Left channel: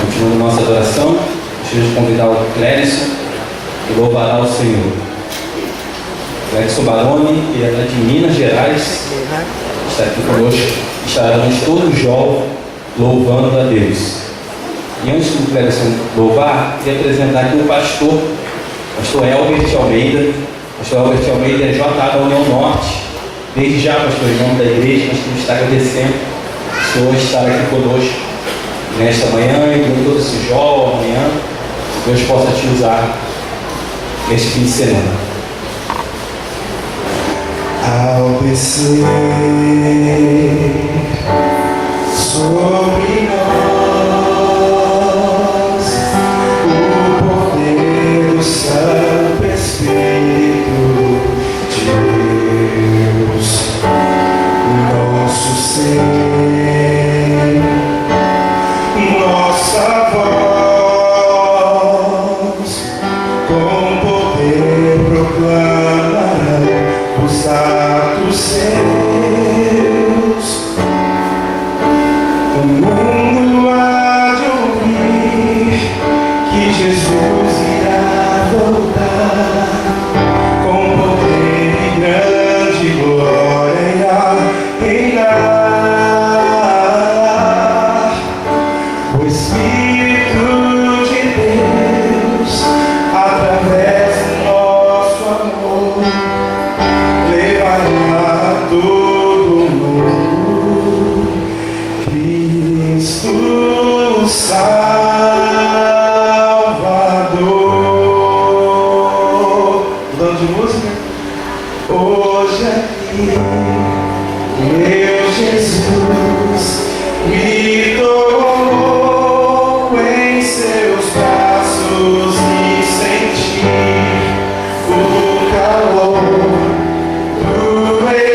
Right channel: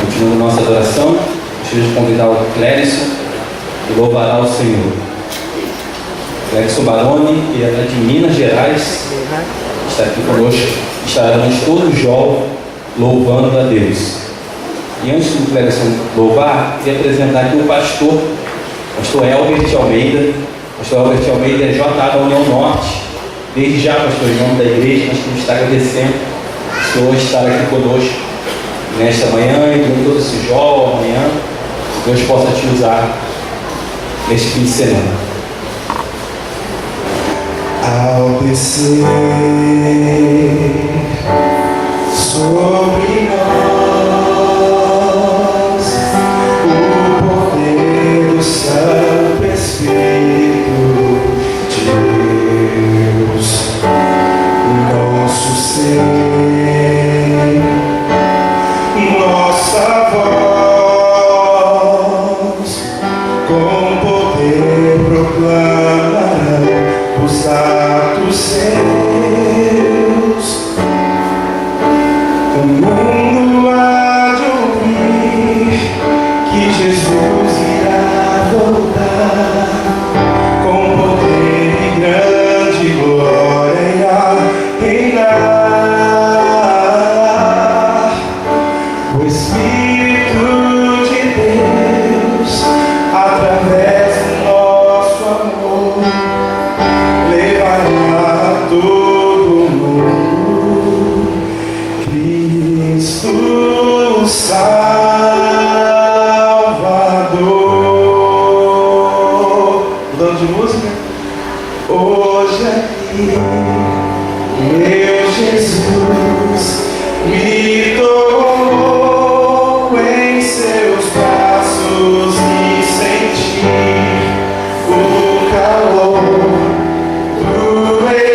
Continuando nossa adoração, gostaria de convidar o Clérison, que louvará o Senhor. Clérison Baroni, que é de Minas Gerais, está aqui conosco. Estaremos todos jovens louvando a Deus. E antes do Clérison louvar, queria apresentar aqui o pastor Elbert Almeida. Pastor Elbert Almeida é JA da União Norte. Desde já, pastor, em nome da igreja, nós queremos estar agradecendo o Senhor estar aqui conosco nesta manhã e com todo esse jovem amanhã. Deus possa te usar neste fim de semana. Ao descer sobre nós o poder do Santo Espírito de Deus, o nosso ser, nossa voz com poder proclamará os atos seus. O mundo há de ouvir que Jesus irá voltar com poder e grande glória reinar. O Espírito de Deus, através do nosso amor, levará a todo mundo Cristo Salvador. Mudando de música? Hoje aqui, meu Jesus me tomou em seus braços e senti o calor do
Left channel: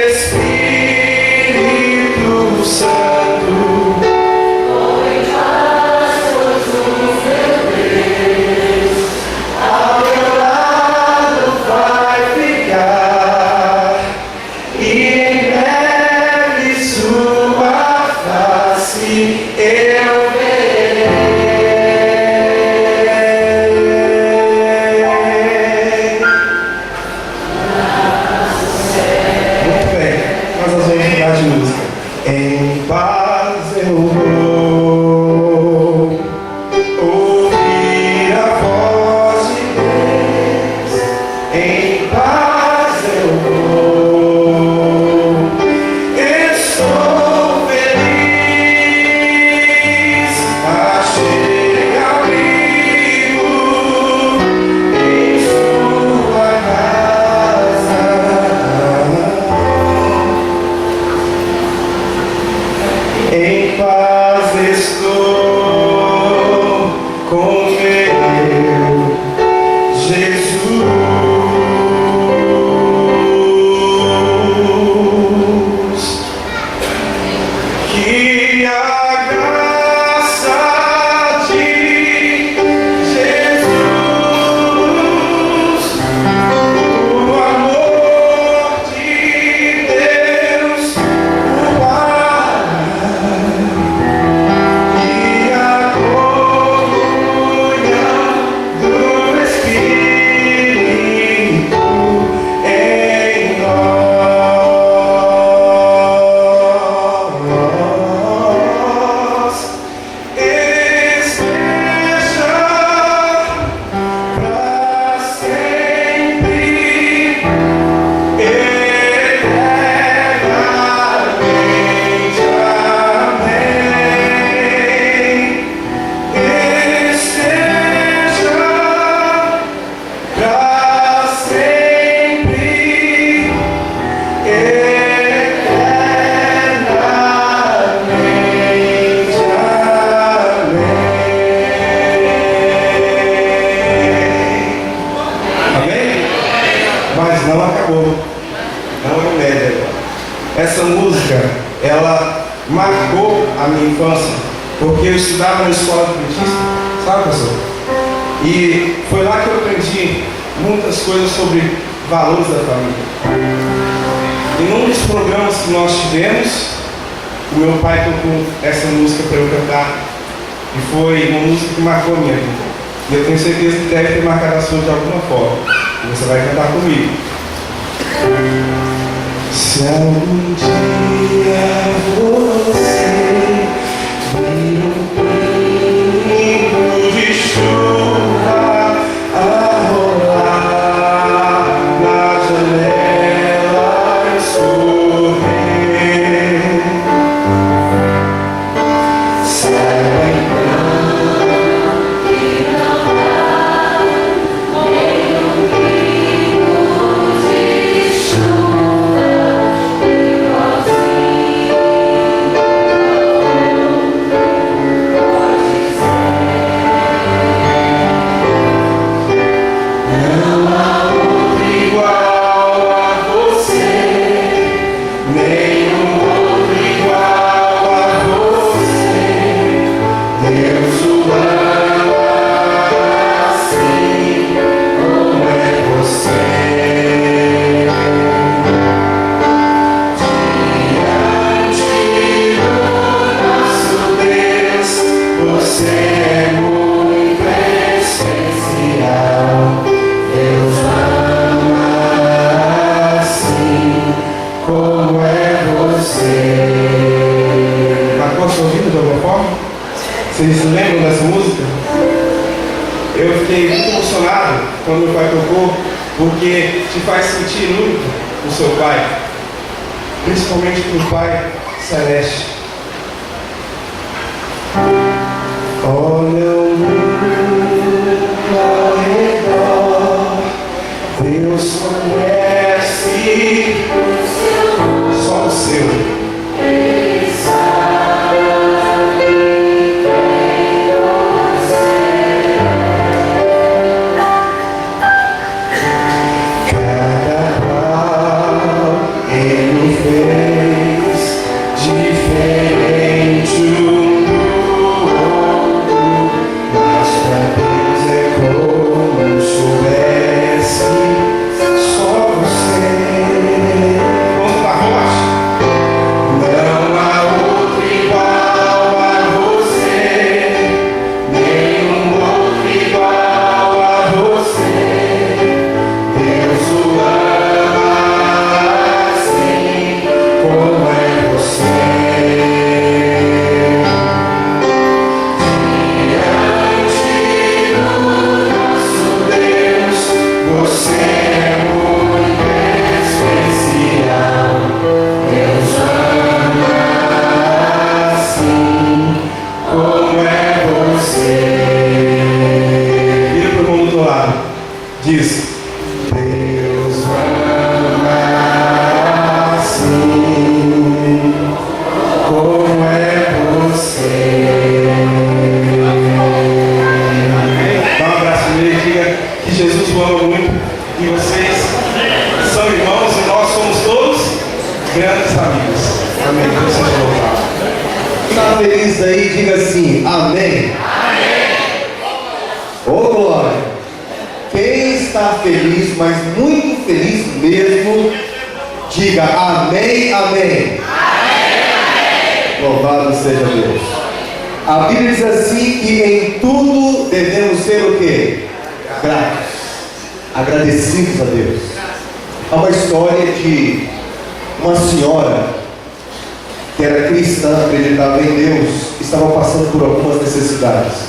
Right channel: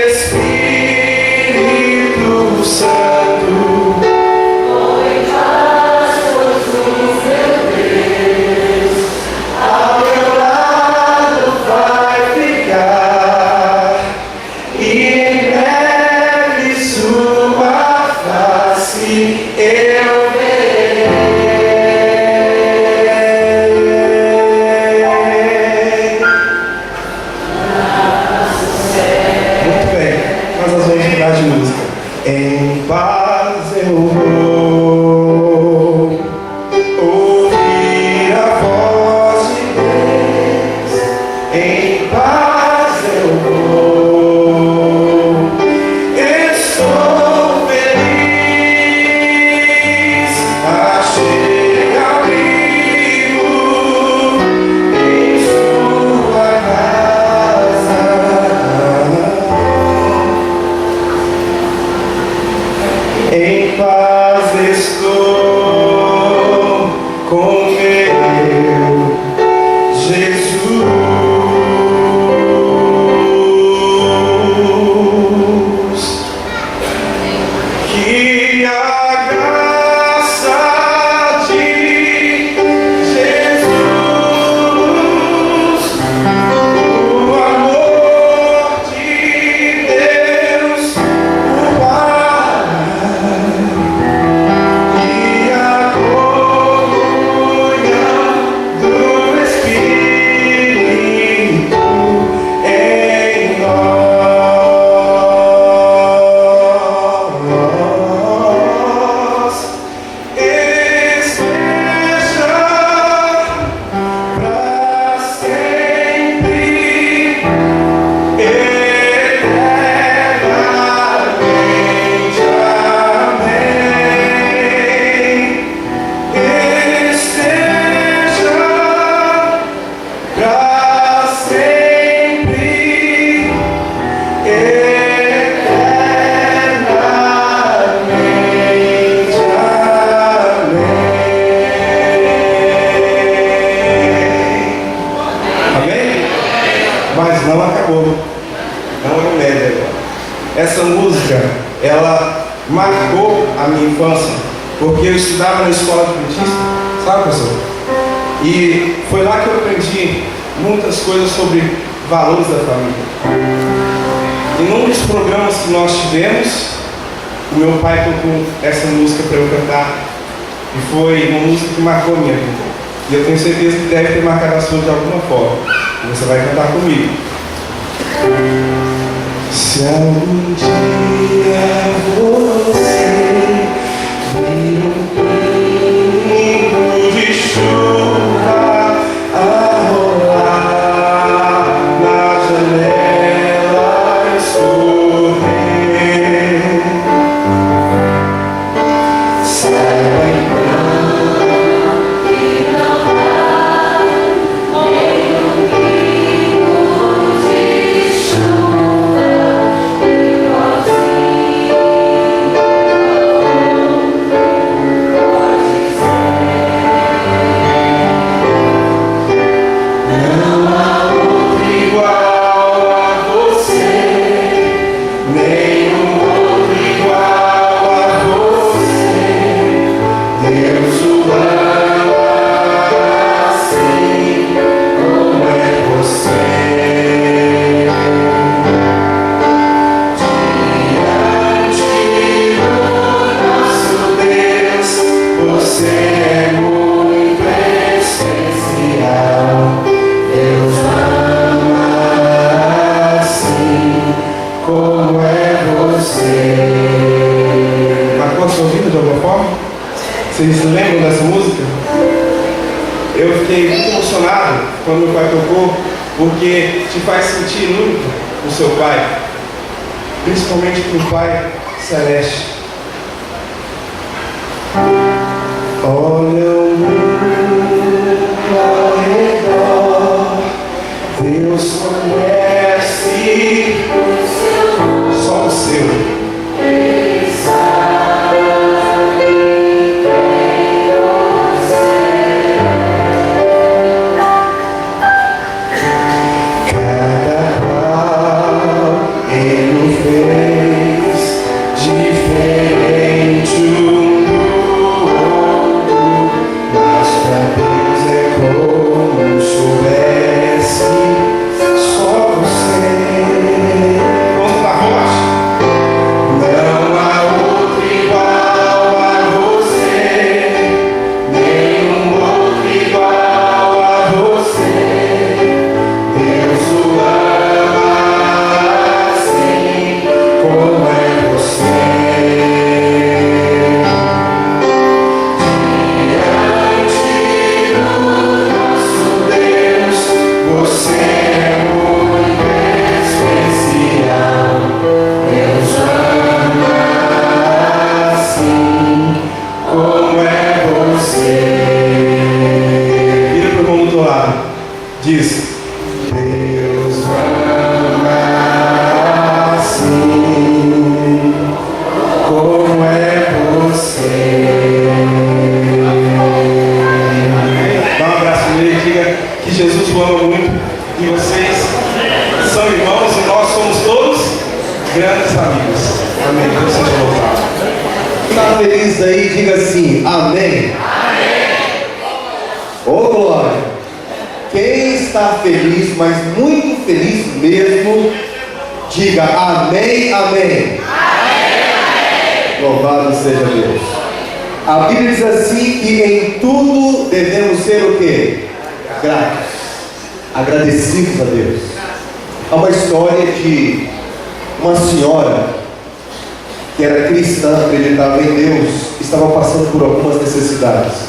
Espírito Santo. Foi braços do meu Deus, ao meu lado vai ficar, e em breve sua face eu verei. Muito bem, nós vamos mudar de música. Em paz eu vou ouvir a voz de Deus. Em paz eu vou estar em paz estou com meu Jesus. Que a graça de Jesus, o amor de Deus, o Pai, e a comunhão do Espírito em nós esteja para sempre, eternamente. Amém. Esteja para sempre, eternamente. Amém. Amém? Mas não acabou. Não é média. Essa música, ela marcou a minha infância, porque eu estudava na escola adventista, sabe, professor? E foi lá que eu aprendi muitas coisas sobre valores da família. E num dos programas que nós tivemos, o meu pai tocou essa música para eu cantar, e foi uma música que marcou a minha vida. E eu tenho certeza que deve ter marcado a sua de alguma forma. E você vai cantar comigo. Se algum dia você vir um pingo de chuva a rolar na janela e sorrir, saiba então que não há nenhum pingo de chuva igualzinho não há outro igual a você, nenhum outro igual a você. Deus o ama assim como é você. Diante do nosso Deus, você é muito especial. Deus ama assim como é você. Marcou a sua vida de alguma forma? Vocês se lembram dessa música? Eu fiquei muito emocionado quando meu pai tocou, porque te faz sentir muito o seu pai, principalmente para o Pai Celeste. Olha o mundo ao redor, Deus conhece só o seu. Ele sabe quem você é. Cada qual Ele fez diferente um do outro, mas Amém. Deus seja louvado. Está feliz aí? Diga assim, amém. Ô glória! Quem está feliz, mas muito feliz mesmo, diga amém, amém. Louvado seja Deus. A Bíblia diz assim que em tudo devemos ser o quê? Gratos, agradecidos a Deus. Há uma história de uma senhora que era cristã, acreditava em Deus, estava passando por algumas necessidades.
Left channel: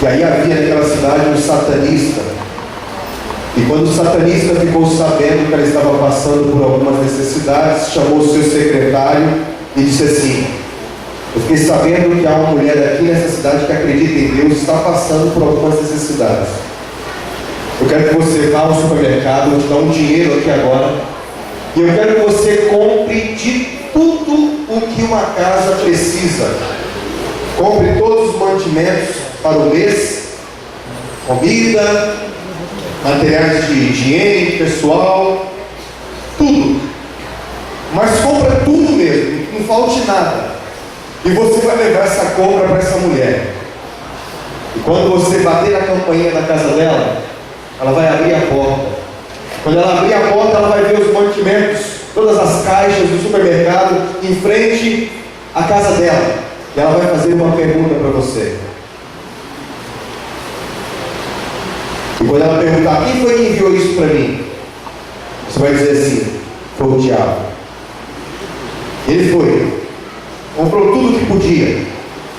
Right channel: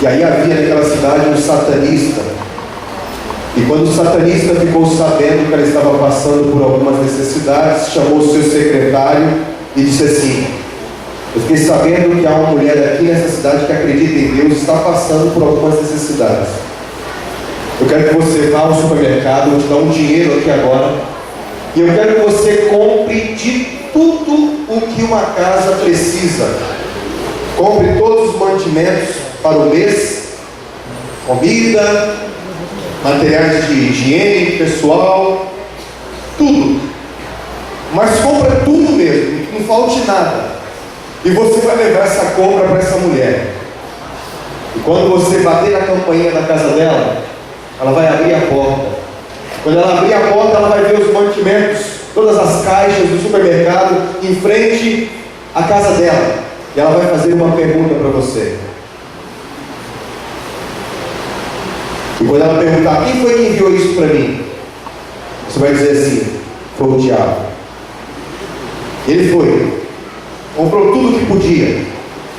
E aí havia naquela cidade um satanista. E quando o satanista ficou sabendo que ela estava passando por algumas necessidades, chamou o seu secretário e disse assim: eu fiquei sabendo que há uma mulher aqui nessa cidade que acredita em Deus, está passando por algumas necessidades. Eu quero que você vá ao supermercado, eu vou te dar um dinheiro aqui agora, e eu quero que você compre de tudo o que uma casa precisa. Compre todos os mantimentos para o mês, comida, materiais de higiene pessoal, tudo. Mas compra tudo mesmo, não falte nada. E você vai levar essa compra para essa mulher. E quando você bater na campainha da casa dela, ela vai abrir a porta. Quando ela abrir a porta, ela vai ver os mantimentos, todas as caixas do supermercado em frente à casa dela. E ela vai fazer uma pergunta para você. E quando ela perguntar: quem foi que enviou isso para mim? Você vai dizer assim: foi o diabo. Ele foi, comprou tudo o que podia.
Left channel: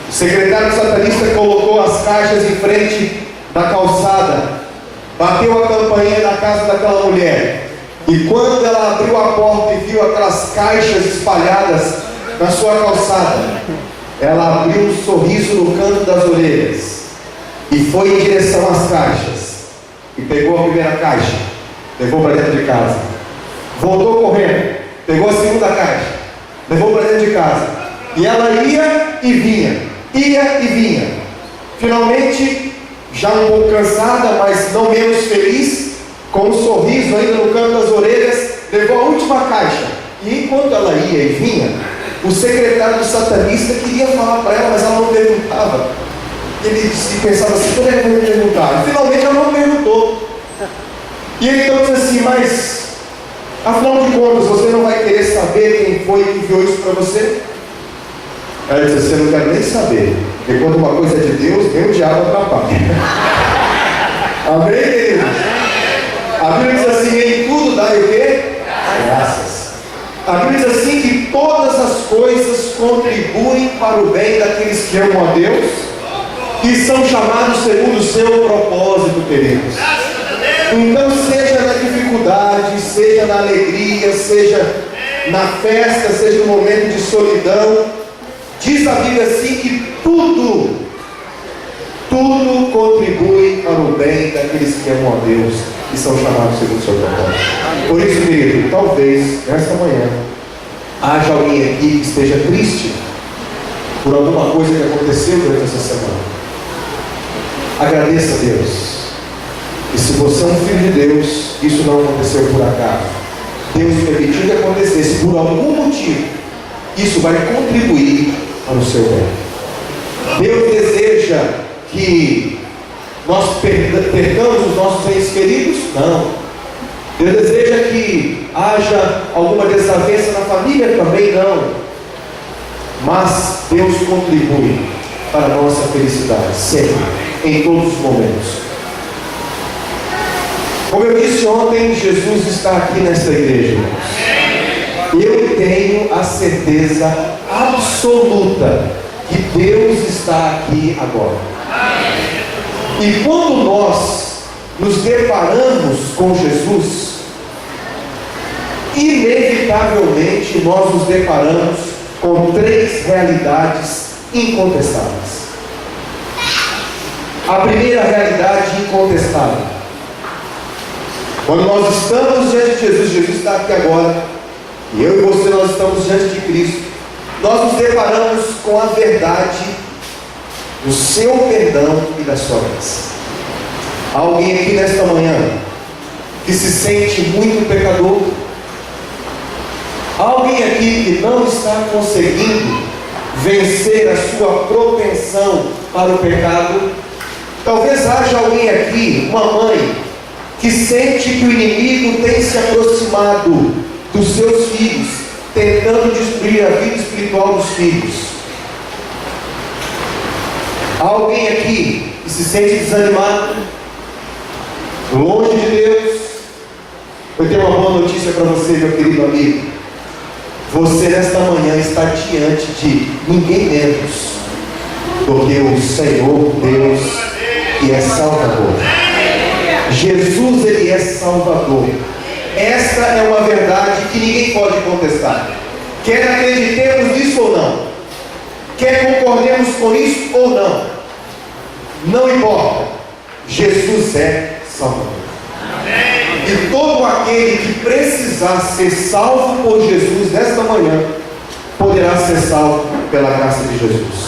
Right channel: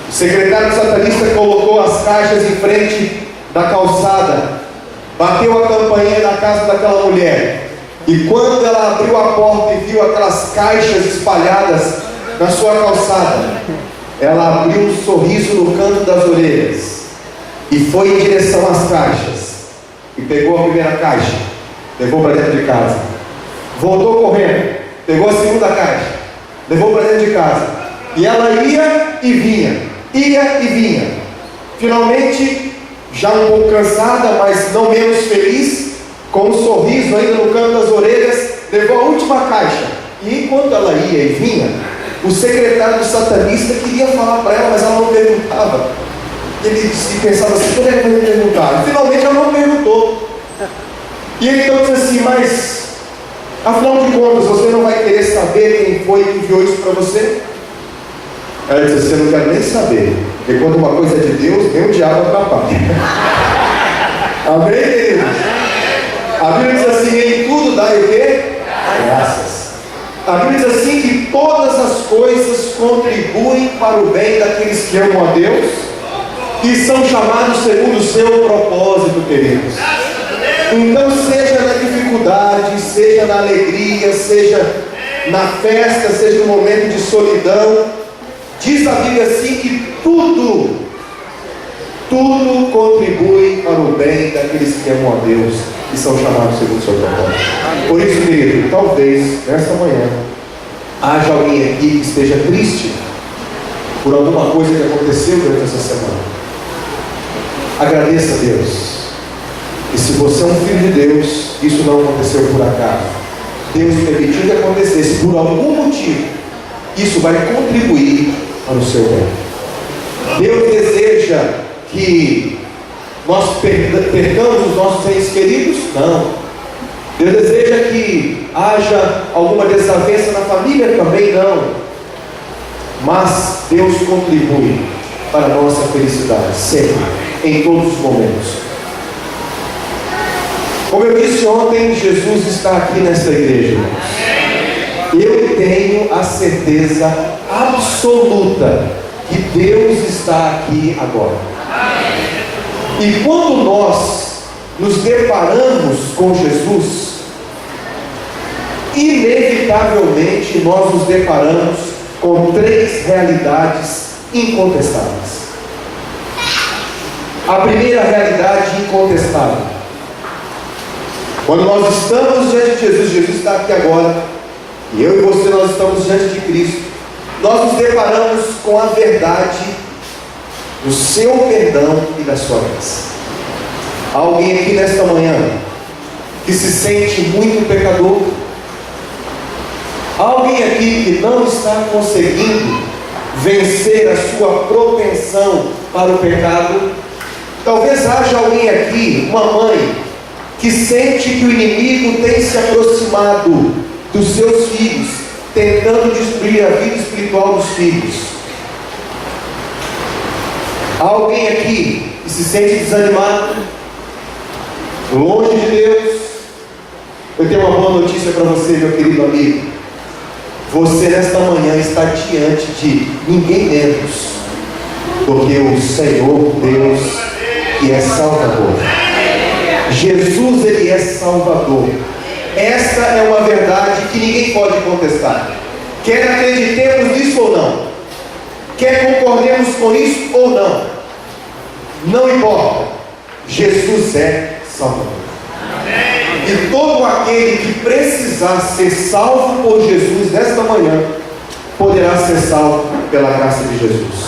O secretário satanista colocou as caixas em frente da calçada, bateu a campainha da casa daquela mulher. E quando ela abriu a porta e viu aquelas caixas espalhadas na sua calçada, ela abriu um sorriso no canto das orelhas e foi em direção às caixas. E pegou a primeira caixa, levou para dentro de casa. Voltou correndo, pegou a segunda caixa, levou para dentro de casa. E ela ia e vinha, ia e vinha. Finalmente, já um pouco cansada, mas não menos feliz, com um sorriso ainda no canto das orelhas, levou a última caixa. E enquanto ela ia e vinha, o secretário do satanista queria falar para ela, mas ela não perguntava. Ele pensava assim: quando é que vai me perguntar? E finalmente ela não perguntou. E ele então disse assim: mas afinal de contas, você não vai querer saber quem foi que enviou isso para você? Ela disse assim: eu não quero nem saber, porque quando uma coisa é de Deus, nem o diabo atrapalha. Amém, queridos? A Bíblia diz assim: em tudo dai o quê? Graças. A Bíblia diz assim que todas as coisas contribuem para o bem daqueles que amam a Deus e são chamados segundo o seu propósito, queridos. Então, seja na dificuldade, seja na alegria, seja na festa, seja no momento de solidão, diz a Bíblia assim que tudo contribui para o bem daqueles que amam a Deus e são chamados segundo o seu propósito. Por isso, querido, talvez nesta manhã haja alguém aqui que esteja triste por alguma coisa que aconteceu durante essa semana. Agradeça a Deus. E se você é um filho de Deus, isso não aconteceu por acaso. Deus permitiu que acontecesse por algum motivo. Isso vai contribuir para o seu bem. Deus deseja que nós percamos os nossos entes queridos? Não. Deus deseja que haja alguma desavença na família? Também não. Mas Deus contribui para a nossa felicidade, sempre, em todos os momentos. Como eu disse ontem, Jesus está aqui nesta igreja. Eu tenho a certeza absoluta que Deus está aqui agora. E quando nós nos deparamos com Jesus, inevitavelmente nós nos deparamos com três realidades incontestáveis. A primeira realidade incontestável: quando nós estamos diante de Jesus, Jesus está aqui agora, e eu e você, nós estamos diante de Cristo, nós nos deparamos com a verdade do seu perdão e da sua graça. Há alguém aqui nesta manhã que se sente muito pecador? Há Há alguém aqui que não está conseguindo vencer a sua propensão para o pecado? Talvez haja alguém aqui, uma mãe, que sente que o inimigo tem se aproximado dos seus filhos, tentando destruir a vida espiritual dos filhos. Há alguém aqui que se sente desanimado, longe de Deus? Eu tenho uma boa notícia para você, meu querido amigo. Você nesta manhã está diante de ninguém menos do que o Senhor Deus, que é Salvador. Jesus, Ele é Salvador. Esta é uma verdade que ninguém pode contestar. Quer acreditemos nisso ou não, quer concordemos com isso ou não, não importa. Jesus é Salvador. E todo aquele que precisar ser salvo por Jesus nesta manhã, poderá ser salvo pela graça de Jesus.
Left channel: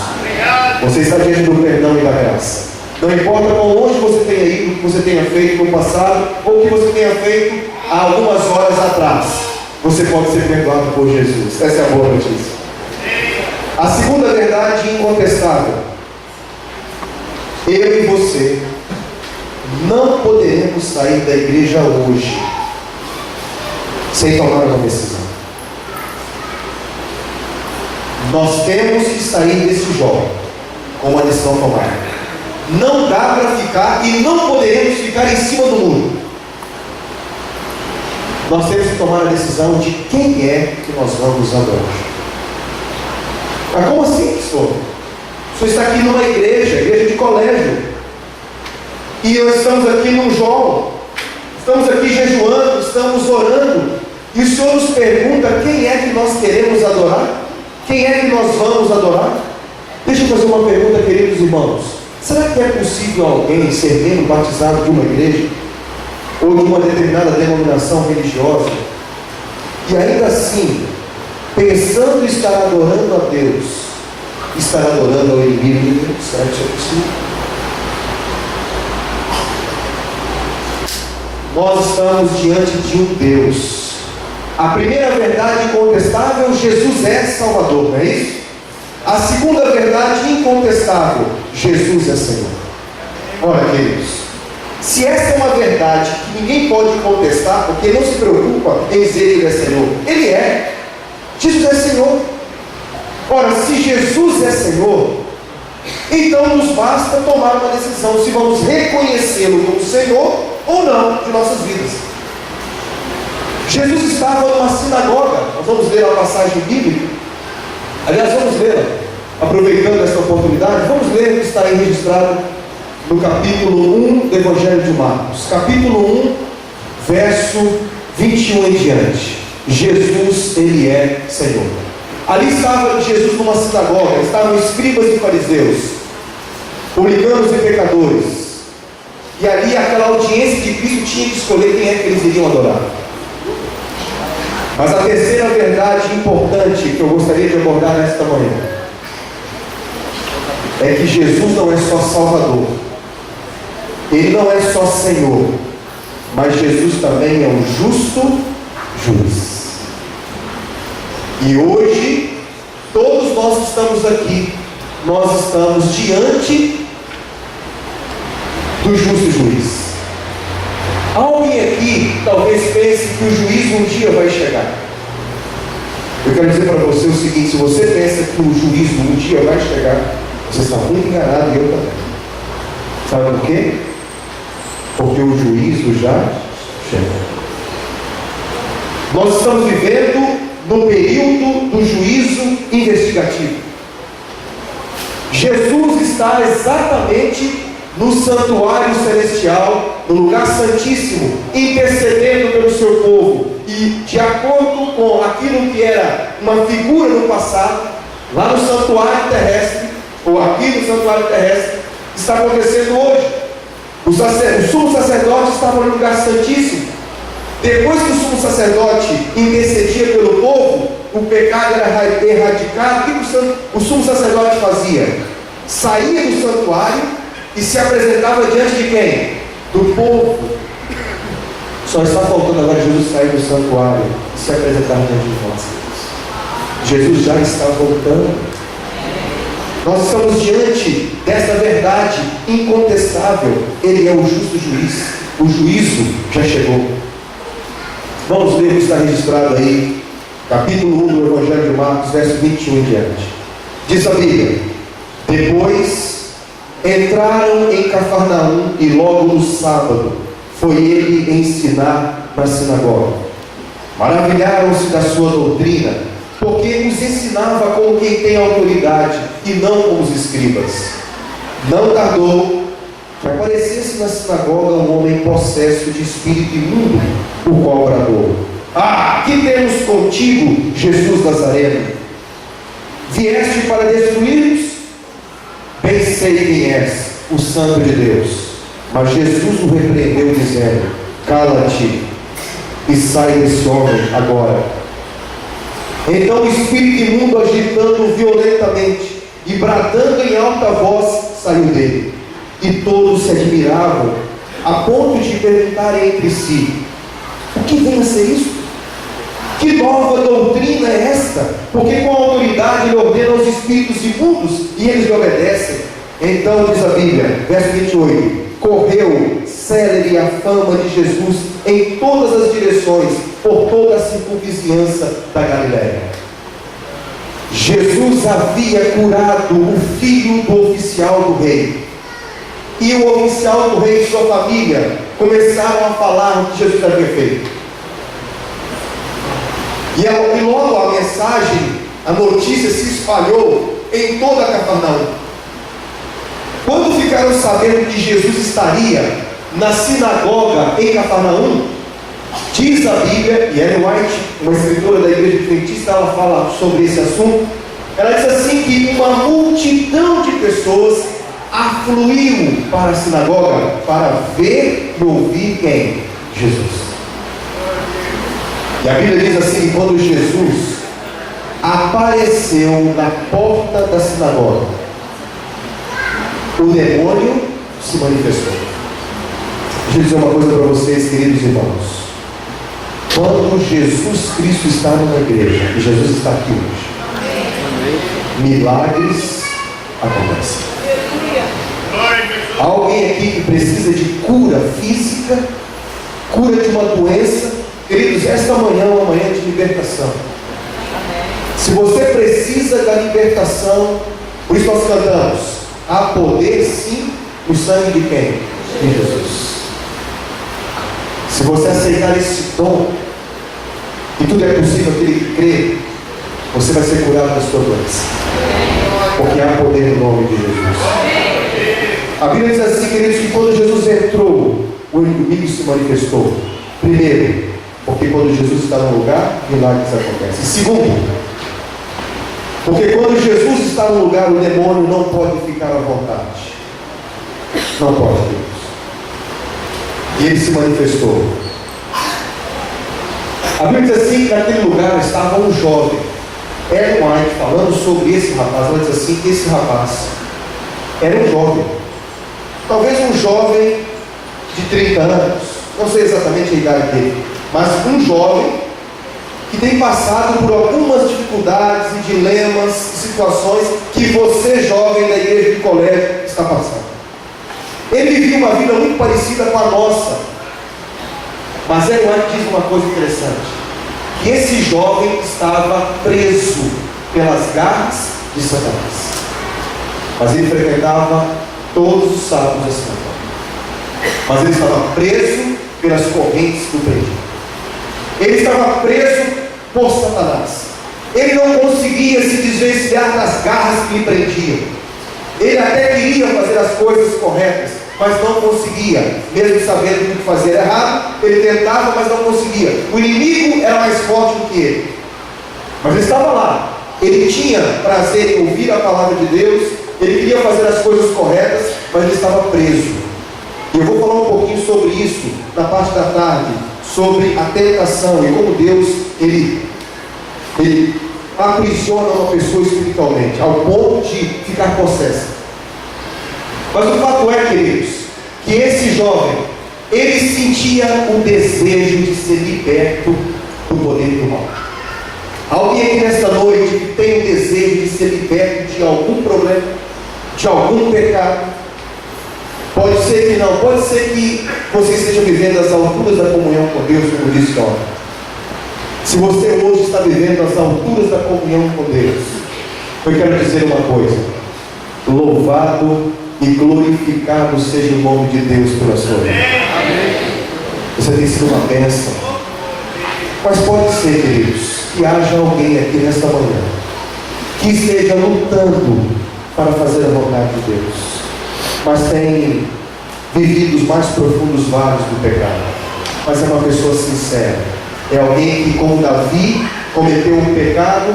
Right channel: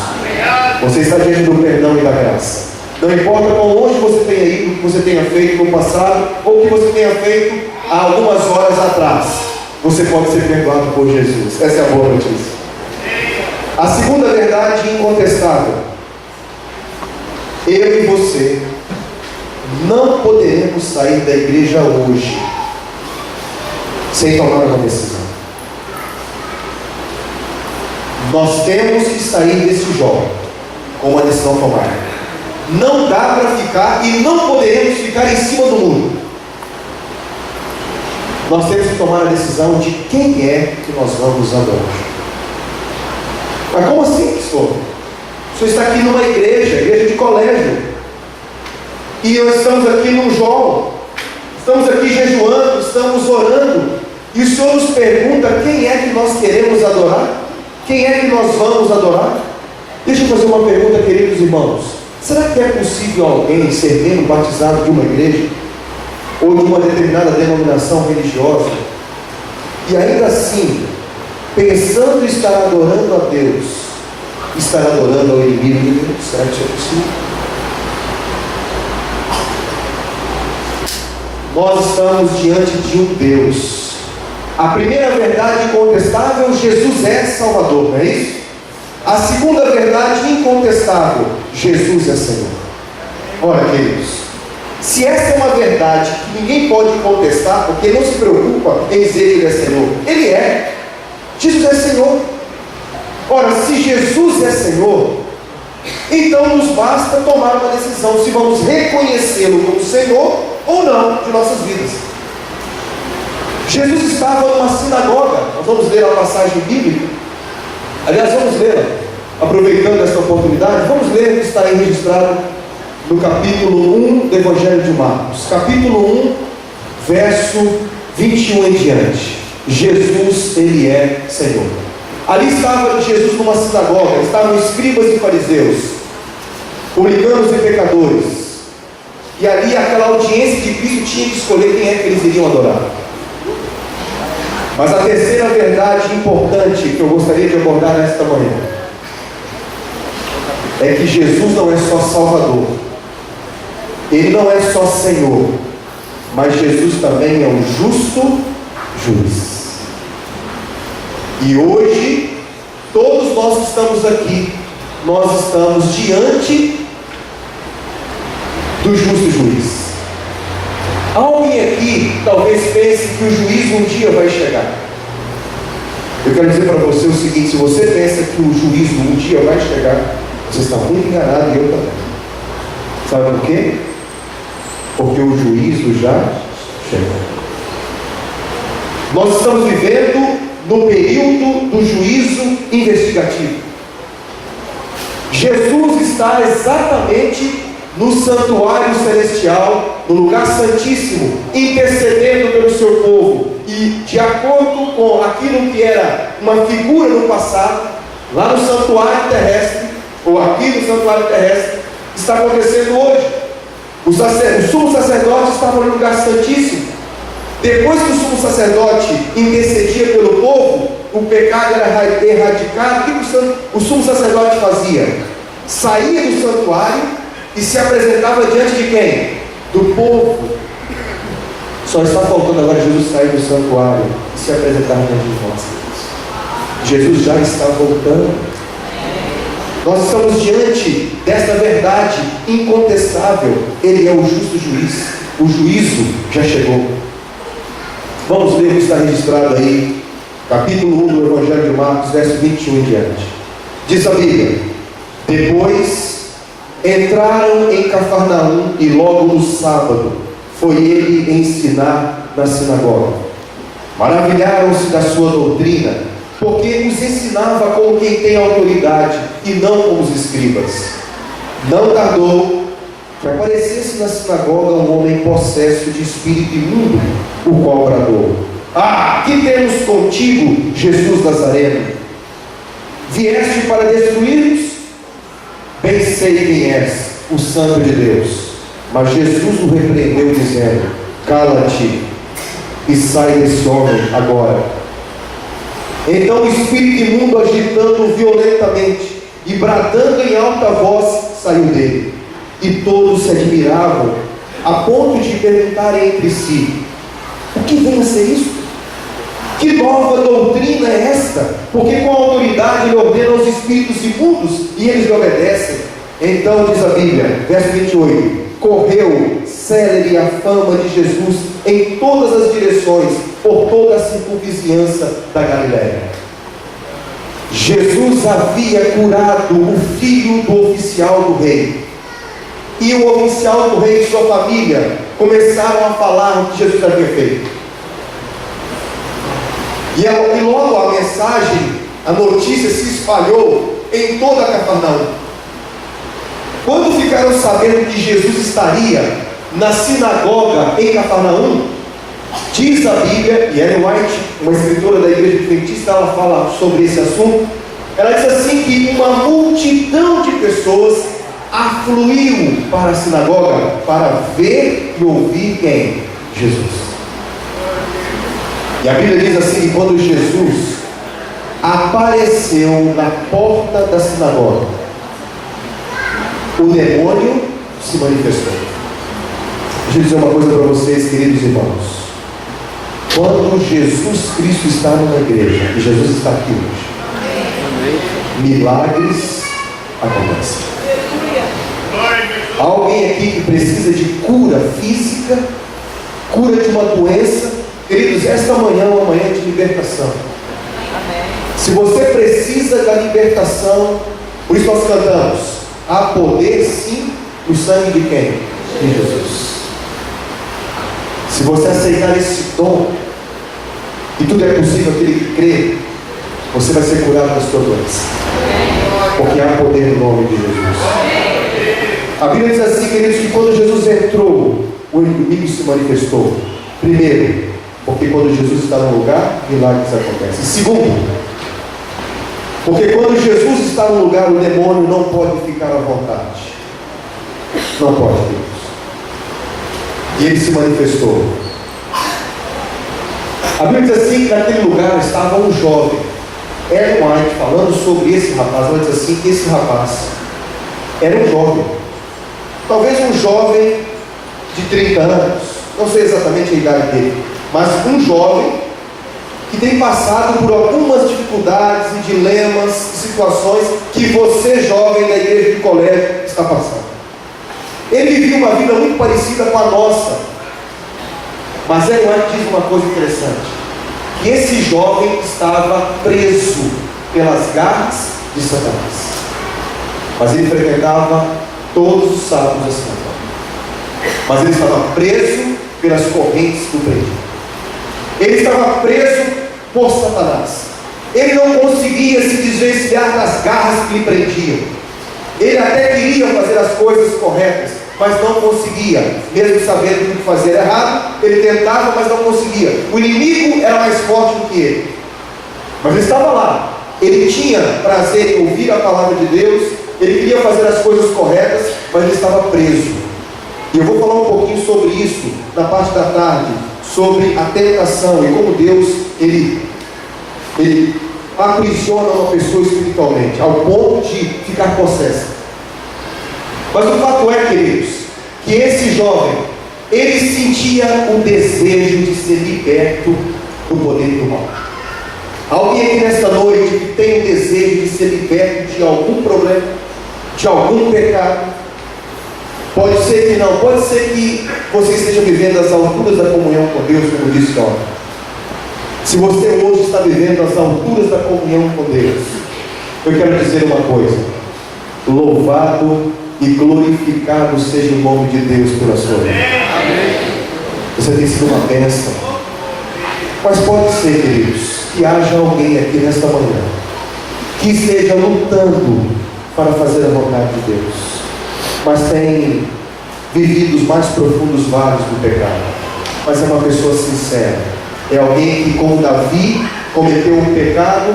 Você está diante do perdão e da graça. Não importa quão longe você tenha ido, o que você tenha feito no passado, ou o que você tenha feito há algumas horas atrás, você pode ser perdoado por Jesus. Essa é a boa notícia. A segunda verdade incontestável: eu e você não poderemos sair da igreja hoje sem tomar uma decisão. Nós temos que sair desse jogo com uma decisão tomada. Não dá para ficar e não poderemos ficar em cima do muro. Nós temos que tomar a decisão de quem é que nós vamos adorar. Mas como assim, pastor? O senhor está aqui numa igreja de colégio, e nós estamos aqui num jogo, estamos aqui jejuando, estamos orando, e o Senhor nos pergunta quem é que nós queremos adorar? Quem é que nós vamos adorar? Deixa eu fazer uma pergunta, queridos irmãos. Será que é possível alguém ser membro batizado de uma igreja, ou de uma determinada denominação religiosa, e ainda assim, pensando em estar adorando a Deus, estar adorando ao inimigo de Deus? Será que isso é possível? Nós estamos diante de um Deus. A primeira verdade incontestável: Jesus é Salvador, não é isso? A segunda verdade incontestável: Jesus é Senhor. Ora, queridos, se essa é uma verdade que ninguém pode contestar, porque não se preocupa em dizer que Ele é Senhor, Ele é. Jesus é Senhor. Ora, se Jesus é Senhor, então nos basta tomar uma decisão se vamos reconhecê-lo como Senhor ou não de nossas vidas. Jesus estava numa sinagoga. Nós vamos ler a passagem bíblica. Aliás, vamos ler, aproveitando esta oportunidade, vamos ler o que está aí registrado no capítulo 1 do Evangelho de Marcos. Capítulo 1, verso 21 em diante. Jesus, Ele é Senhor. Ali estava Jesus numa sinagoga, estavam escribas e fariseus, publicanos e pecadores. E ali aquela audiência de Cristo tinha que escolher quem é que eles iriam adorar. Mas a terceira verdade importante que eu gostaria de abordar nesta manhã é que Jesus não é só Salvador, Ele não é só Senhor, mas Jesus também é um justo juiz. E hoje, todos nós que estamos aqui, nós estamos diante do justo juiz. Alguém aqui talvez pense que o juízo um dia vai chegar. Eu quero dizer para você o seguinte: se você pensa que o juízo um dia vai chegar, você está muito enganado, e eu também. Sabe por quê? Porque o juízo já chega. Nós estamos vivendo no período do juízo investigativo. Jesus está exatamente no santuário celestial, no lugar santíssimo, intercedendo pelo seu povo. E de acordo com aquilo que era uma figura no passado, lá no santuário terrestre, ou aqui no santuário terrestre, está acontecendo hoje. O sumo sacerdote estava no lugar santíssimo. Depois que o sumo sacerdote intercedia pelo povo, o pecado era erradicado. O que o sumo sacerdote fazia? Saía do santuário e se apresentava diante de quem? Do povo. Só está faltando agora Jesus sair do santuário e se apresentar diante de nós. Jesus já está voltando. Nós estamos diante desta verdade incontestável. Ele é o justo juiz. O juízo já chegou. Vamos ler o que está registrado aí, capítulo 1 do Evangelho de Marcos, verso 21 em diante. Diz a Bíblia: depois entraram em Cafarnaum e logo no sábado foi ele ensinar na sinagoga. Maravilharam-se da sua doutrina, porque os ensinava como quem tem autoridade e não como os escribas. Não tardou que aparecesse na sinagoga um homem possesso de espírito imundo, o qual bradou: ah, que temos contigo, Jesus Nazareno? Vieste para destruir-nos? Bem sei quem és, o Santo de Deus. Mas Jesus o repreendeu, dizendo: cala-te e sai desse homem agora. Então o espírito imundo, agitando violentamente e bradando em alta voz, saiu dele. E todos se admiravam, a ponto de perguntarem entre si: o que vem a ser isso? Que nova doutrina é esta? Porque com autoridade ele ordena aos espíritos imundos e eles lhe obedecem. Então diz a Bíblia, verso 28: correu célere a fama de Jesus em todas as direções, por toda a circunvizinhança da Galiléia. Jesus havia curado o filho do oficial do rei. E o oficial do rei e sua família começaram a falar o que Jesus havia feito. E logo a mensagem, a notícia se espalhou em toda a Cafarnaum. Quando ficaram sabendo que Jesus estaria na sinagoga em Cafarnaum, diz a Bíblia, e Ellen White, uma escritora da igreja adventista, ela fala sobre esse assunto. Ela diz assim que uma multidão de pessoas afluiu para a sinagoga para ver e ouvir quem? Jesus. E a Bíblia diz assim que quando Jesus apareceu na porta da sinagoga, o demônio se manifestou. Deixa eu dizer uma coisa para vocês, queridos irmãos. Quando Jesus Cristo está numa igreja, e Jesus está aqui hoje, milagres acontecem. Há alguém aqui que precisa de cura física, cura de uma doença? Queridos, esta manhã é uma manhã de libertação. Se você precisa da libertação, por isso nós cantamos: há poder sim no sangue de quem? De Jesus. Se você aceitar esse dom, e tudo é possível aquele que crê, você vai ser curado da sua doença, porque há poder no nome de Jesus. A Bíblia diz assim, queridos, que quando Jesus entrou, o inimigo se manifestou. Primeiro, porque quando Jesus está no lugar, milagres acontecem. Segundo, porque quando Jesus está no lugar, o demônio não pode ficar à vontade. Não pode, queridos. E ele se manifestou. A Bíblia diz assim que naquele lugar estava um jovem. Ellen White, falando sobre esse rapaz, ela diz assim que esse rapaz era um jovem. Talvez um jovem de 30 anos, não sei exatamente a idade dele, mas um jovem que tem passado por algumas dificuldades e dilemas, situações que você, jovem da igreja de colégio, está passando. Ele vivia uma vida muito parecida com a nossa, mas Ellen White diz uma coisa interessante, que esse jovem estava preso pelas garras de Satanás, mas ele frequentava todos os sábados a sinagoga, mas ele estava preso pelas correntes do preso. Ele estava preso por Satanás. Ele não conseguia se desvencilhar das garras que lhe prendiam. Ele até queria fazer as coisas corretas, mas não conseguia, mesmo sabendo que o que fazer era errado. Ele tentava, mas não conseguia. O inimigo era mais forte do que ele, mas ele estava lá. Ele tinha prazer em ouvir a palavra de Deus, ele queria fazer as coisas corretas, mas ele estava preso. E eu vou falar um pouquinho sobre isso na parte da tarde, sobre a tentação e como Deus ele aprisiona uma pessoa espiritualmente, ao ponto de ficar possessa. Mas o fato é, queridos, que esse jovem, ele sentia o desejo de ser liberto do poder do mal. Alguém aqui nesta noite que tem o desejo de ser liberto de algum problema, de algum pecado? Pode ser que não, pode ser que você esteja vivendo as alturas da comunhão com Deus, como disse ontem. Se você hoje está vivendo as alturas da comunhão com Deus, eu quero dizer uma coisa: louvado e glorificado seja o nome de Deus pela sua vida. Você tem sido uma bênção. Mas pode ser, queridos, que haja alguém aqui nesta manhã que esteja lutando para fazer a vontade de Deus, mas tem vivido os mais profundos vales do pecado, mas é uma pessoa sincera. É alguém que, como Davi, cometeu um pecado,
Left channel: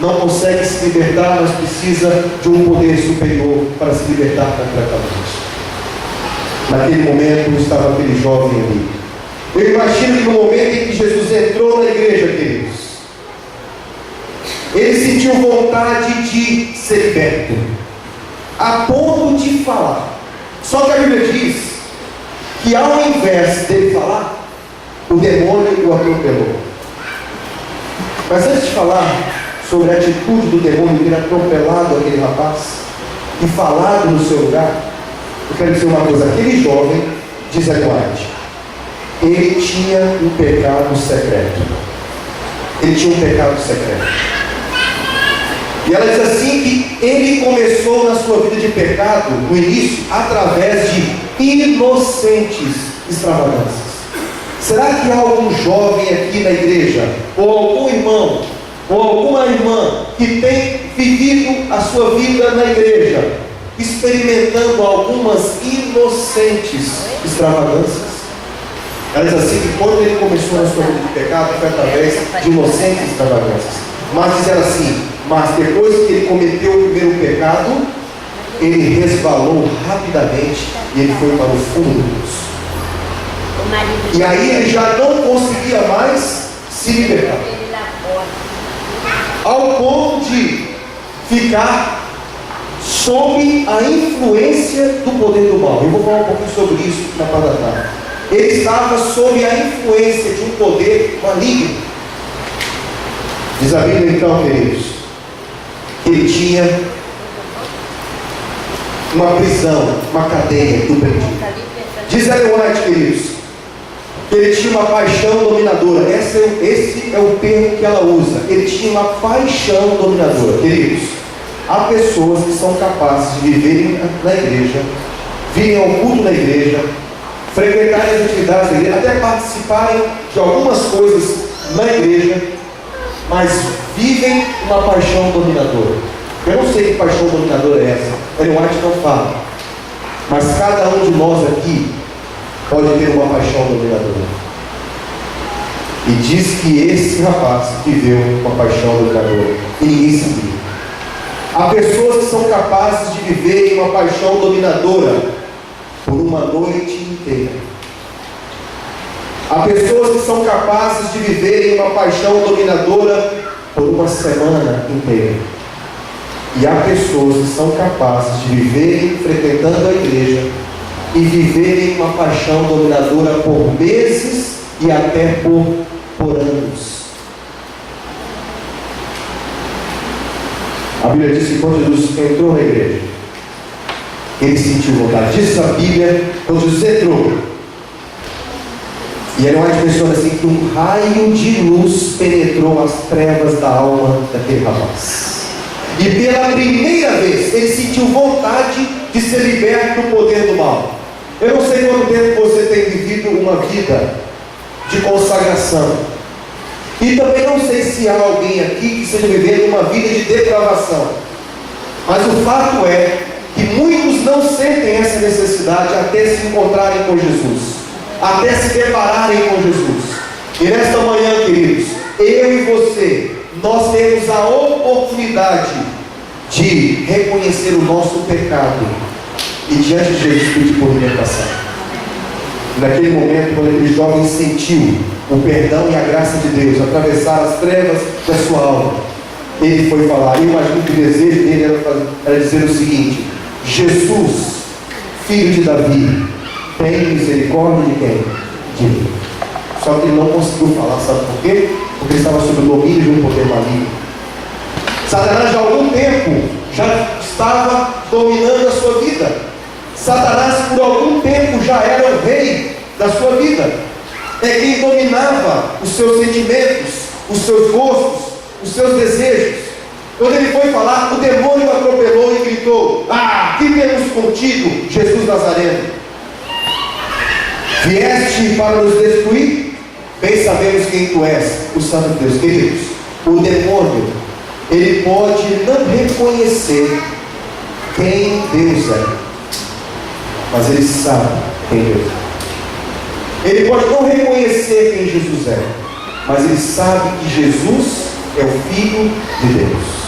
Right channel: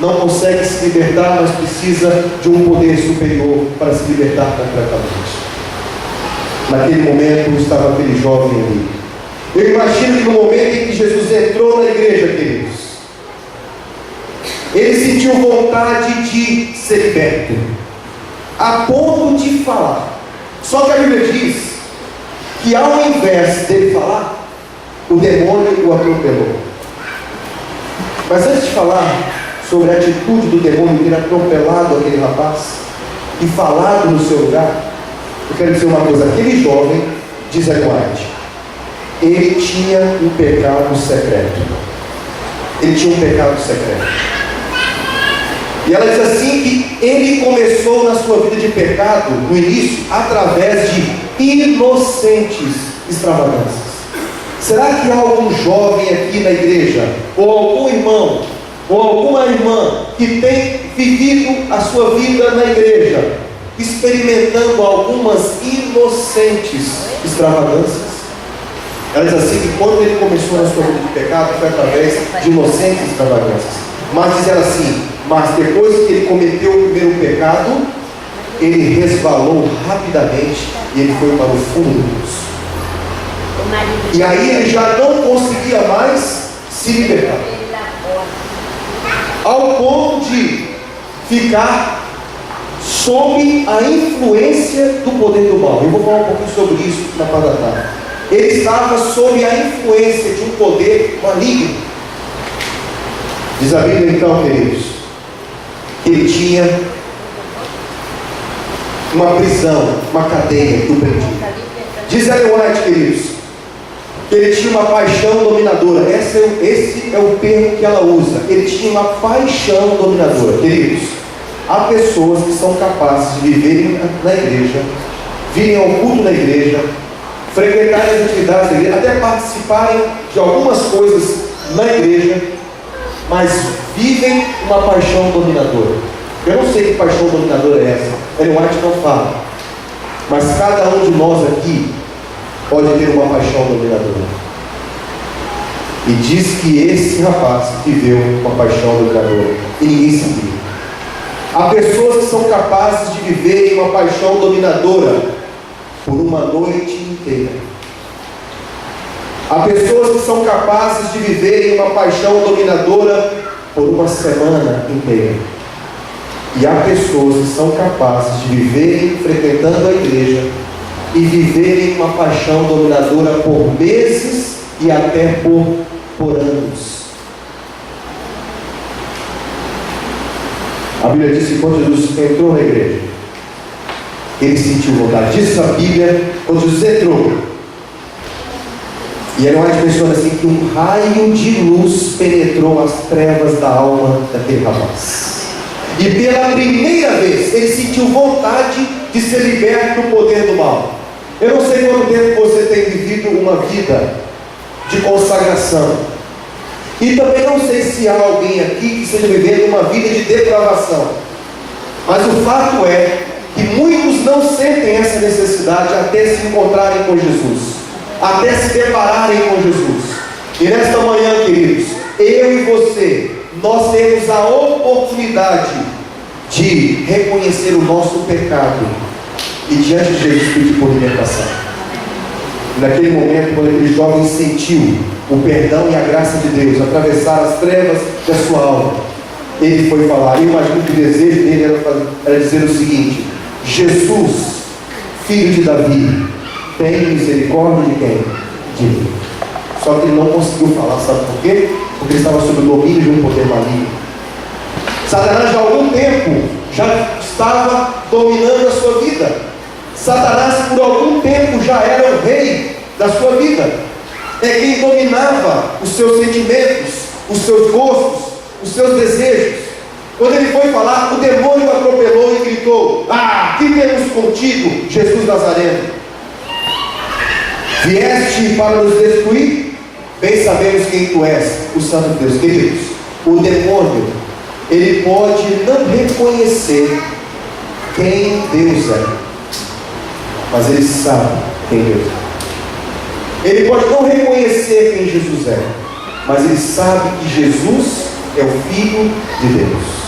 não consegue se libertar, mas precisa de um poder superior para se libertar completamente. Naquele momento estava aquele jovem ali. Eu imagino que no momento em que Jesus entrou na igreja, queridos, ele sentiu vontade de ser liberto, a ponto de falar. Só que a Bíblia diz que ao invés dele falar, o demônio o atropelou. Mas antes de falar sobre a atitude do demônio ter atropelado aquele rapaz e falado no seu lugar, eu quero dizer uma coisa: aquele jovem, diz Ellen White, ele tinha um pecado secreto. Ele tinha um pecado secreto. E ela diz assim que ele começou na sua vida de pecado, no início, através de inocentes extravagâncias. Será que há algum jovem aqui na igreja, ou algum irmão, ou alguma irmã que tem vivido a sua vida na igreja, experimentando algumas inocentes extravagâncias? Ela diz assim que quando ele começou na sua vida de pecado, foi através de inocentes extravagâncias. Mas diz ela assim: mas depois que ele cometeu o primeiro pecado, ele resvalou rapidamente e ele foi para o fundo do poço. E aí ele já não conseguia mais se libertar, ao ponto de ficar sob a influência do poder do mal. Eu vou falar um pouquinho sobre isso na parte da tarde. Ele estava sob a influência de um poder maligno. Diz a Bíblia então, queridos, que ele tinha uma prisão, uma cadeia que o prendia. Diz Ellen White, queridos, que ele tinha uma paixão dominadora. Esse é o termo que ela usa. Ele tinha uma paixão dominadora. Queridos, há pessoas que são capazes de viverem na igreja, virem ao culto na igreja, frequentarem as atividades da igreja, até participarem de algumas coisas na igreja, mas vivem uma paixão dominadora. Eu não sei que paixão dominadora é essa, Ellen White não fala, mas cada um de nós aqui pode ter uma paixão dominadora. E diz que esse rapaz viveu uma paixão dominadora e ninguém sabia. Há pessoas que são capazes de viverem uma paixão dominadora por uma noite inteira. Há pessoas que são capazes de viverem uma paixão dominadora por uma semana inteira. E há pessoas que são capazes de viverem frequentando a igreja e viverem uma paixão dominadora por meses e até por anos. A Bíblia diz que quando Jesus entrou na igreja, ele sentiu vontade. Diz a Bíblia, quando Jesus entrou, e Ellen White menciona assim, que um raio de luz penetrou as trevas da alma daquele rapaz. E pela primeira vez ele sentiu vontade de ser liberto do poder do mal. Eu não sei quanto tempo você tem vivido uma vida de consagração, e também não sei se há alguém aqui que esteja vivendo uma vida de depravação, mas o fato é que muitos não sentem essa necessidade até se encontrarem com Jesus, até se depararem com Jesus. E nesta manhã, queridos, eu e você, nós temos a oportunidade de reconhecer o nosso pecado e diante de Jesus pedir por libertação. Naquele momento, quando aquele jovem sentiu o perdão e a graça de Deus atravessar as trevas da sua alma, ele foi falar. Eu imagino que o desejo dele era dizer o seguinte: Jesus, filho de Davi, tem misericórdia de quem? De mim. Só que ele não conseguiu falar, sabe por quê? Porque ele estava sob o domínio de um poder maligno. Satanás já há algum tempo já estava dominando a sua vida. Satanás por algum tempo já era o rei da sua vida. É quem dominava os seus sentimentos, os seus gostos, os seus desejos. Quando ele foi falar, o demônio atropelou e gritou: "Ah, que temos contigo, Jesus Nazareno? Vieste para nos destruir? Bem sabemos quem tu és, o Santo de Deus." Queridos, o demônio, ele pode não reconhecer quem Deus é, mas ele sabe quem Deus é. Ele pode não reconhecer quem Jesus é, mas ele sabe que Jesus é o Filho de Deus.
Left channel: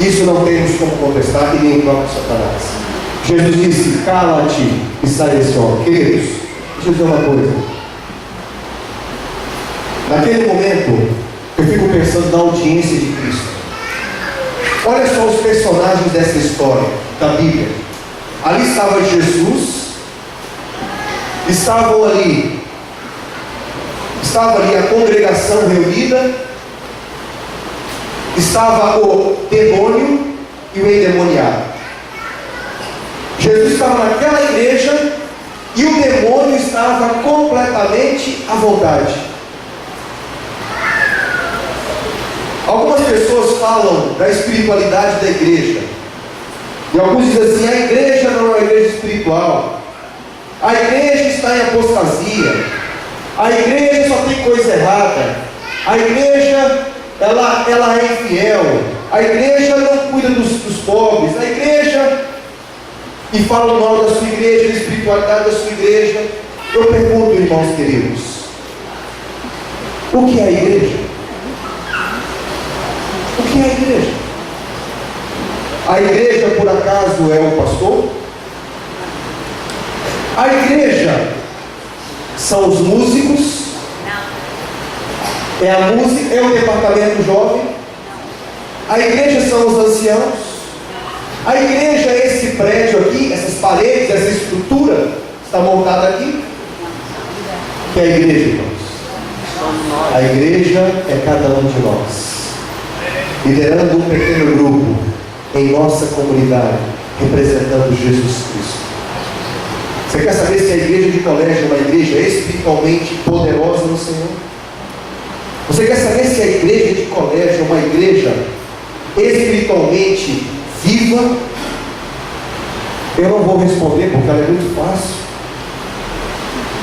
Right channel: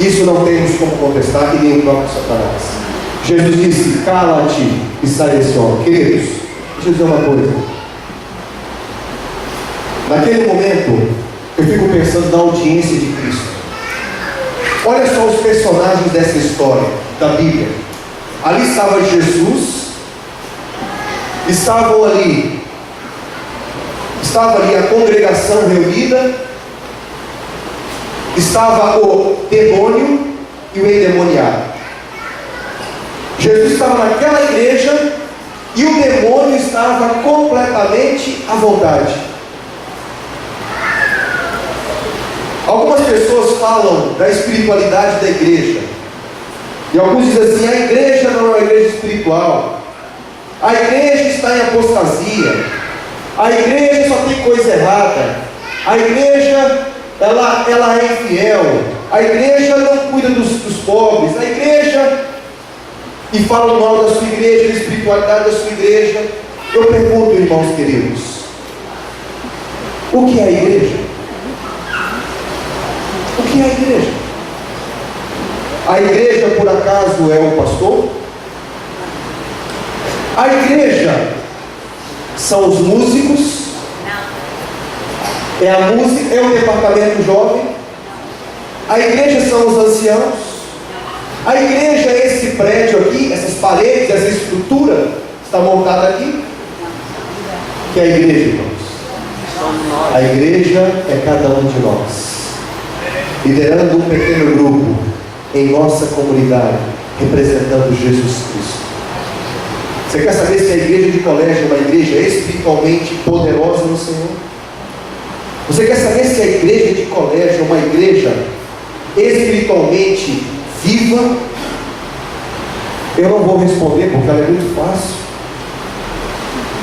Isso não temos como contestar, que nem o próprio Satanás. Jesus disse: "Cala-te e sai desse homem." Queridos, deixa eu dizer uma coisa. Naquele momento, eu fico pensando na audiência de Cristo. Olha só os personagens dessa história da Bíblia. Ali estava Jesus, estava ali a congregação reunida, estava o demônio e o endemoniado. Jesus estava naquela igreja e o demônio estava completamente à vontade. Algumas pessoas falam da espiritualidade da igreja, e alguns dizem assim: a igreja não é uma igreja espiritual, a igreja está em apostasia, a igreja só tem coisa errada, a igreja ela é infiel, a igreja não cuida dos pobres, a igreja, e falam mal da sua igreja, da espiritualidade da sua igreja. Eu pergunto, irmãos queridos, o que é a igreja? O que é a igreja? A igreja, por acaso, é o pastor? A igreja são os músicos? É a música, é o departamento jovem? A igreja são os anciãos? A igreja é esse prédio aqui, essas paredes, essa estrutura que está montada aqui? Que é a igreja, irmãos? A igreja é cada um de nós, liderando um pequeno grupo em nossa comunidade, representando Jesus Cristo. Você quer saber se a igreja de colégio é uma igreja espiritualmente poderosa no Senhor? Você quer saber se a igreja de colégio é uma igreja espiritualmente viva? Eu não vou responder porque ela é muito fácil.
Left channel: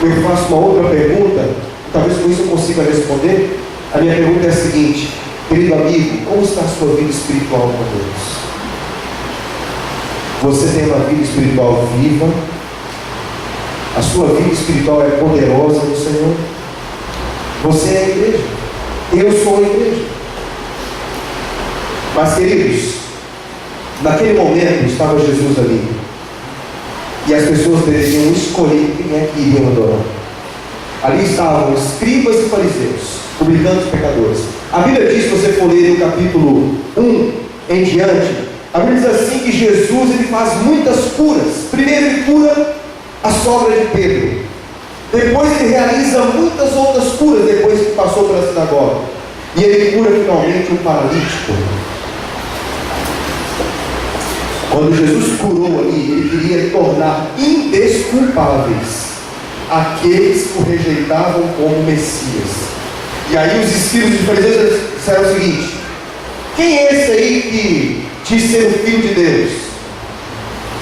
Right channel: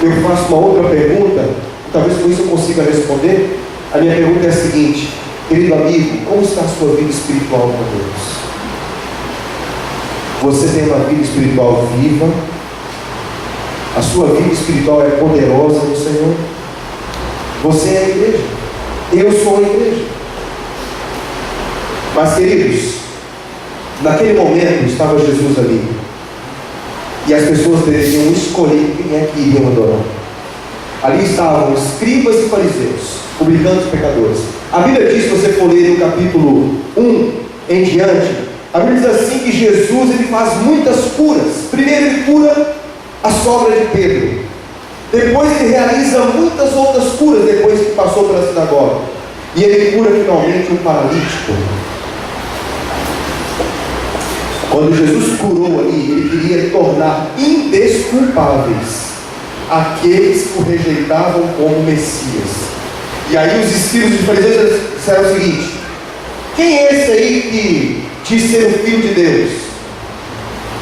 Eu faço uma outra pergunta, talvez com isso eu consiga responder. A minha pergunta é a seguinte: querido amigo, como está a sua vida espiritual com Deus? Você tem uma vida espiritual viva? A sua vida espiritual é poderosa no Senhor? Você é a igreja. Eu sou a igreja. Mas, queridos, naquele momento estava Jesus ali, e as pessoas deveriam escolher quem é que iriam adorar. Ali estavam escribas e fariseus, publicanos e pecadores. A Bíblia diz, se você for ler no capítulo 1 em diante, a Bíblia diz assim que Jesus ele faz muitas curas. Primeiro ele cura a sogra de Pedro, depois ele realiza muitas outras curas depois que passou pela sinagoga, e ele cura finalmente um paralítico. Quando Jesus curou ali, ele queria tornar indesculpáveis aqueles que o rejeitavam como Messias. E aí os escribas e fariseus disseram o seguinte: quem é esse aí que diz ser o Filho de Deus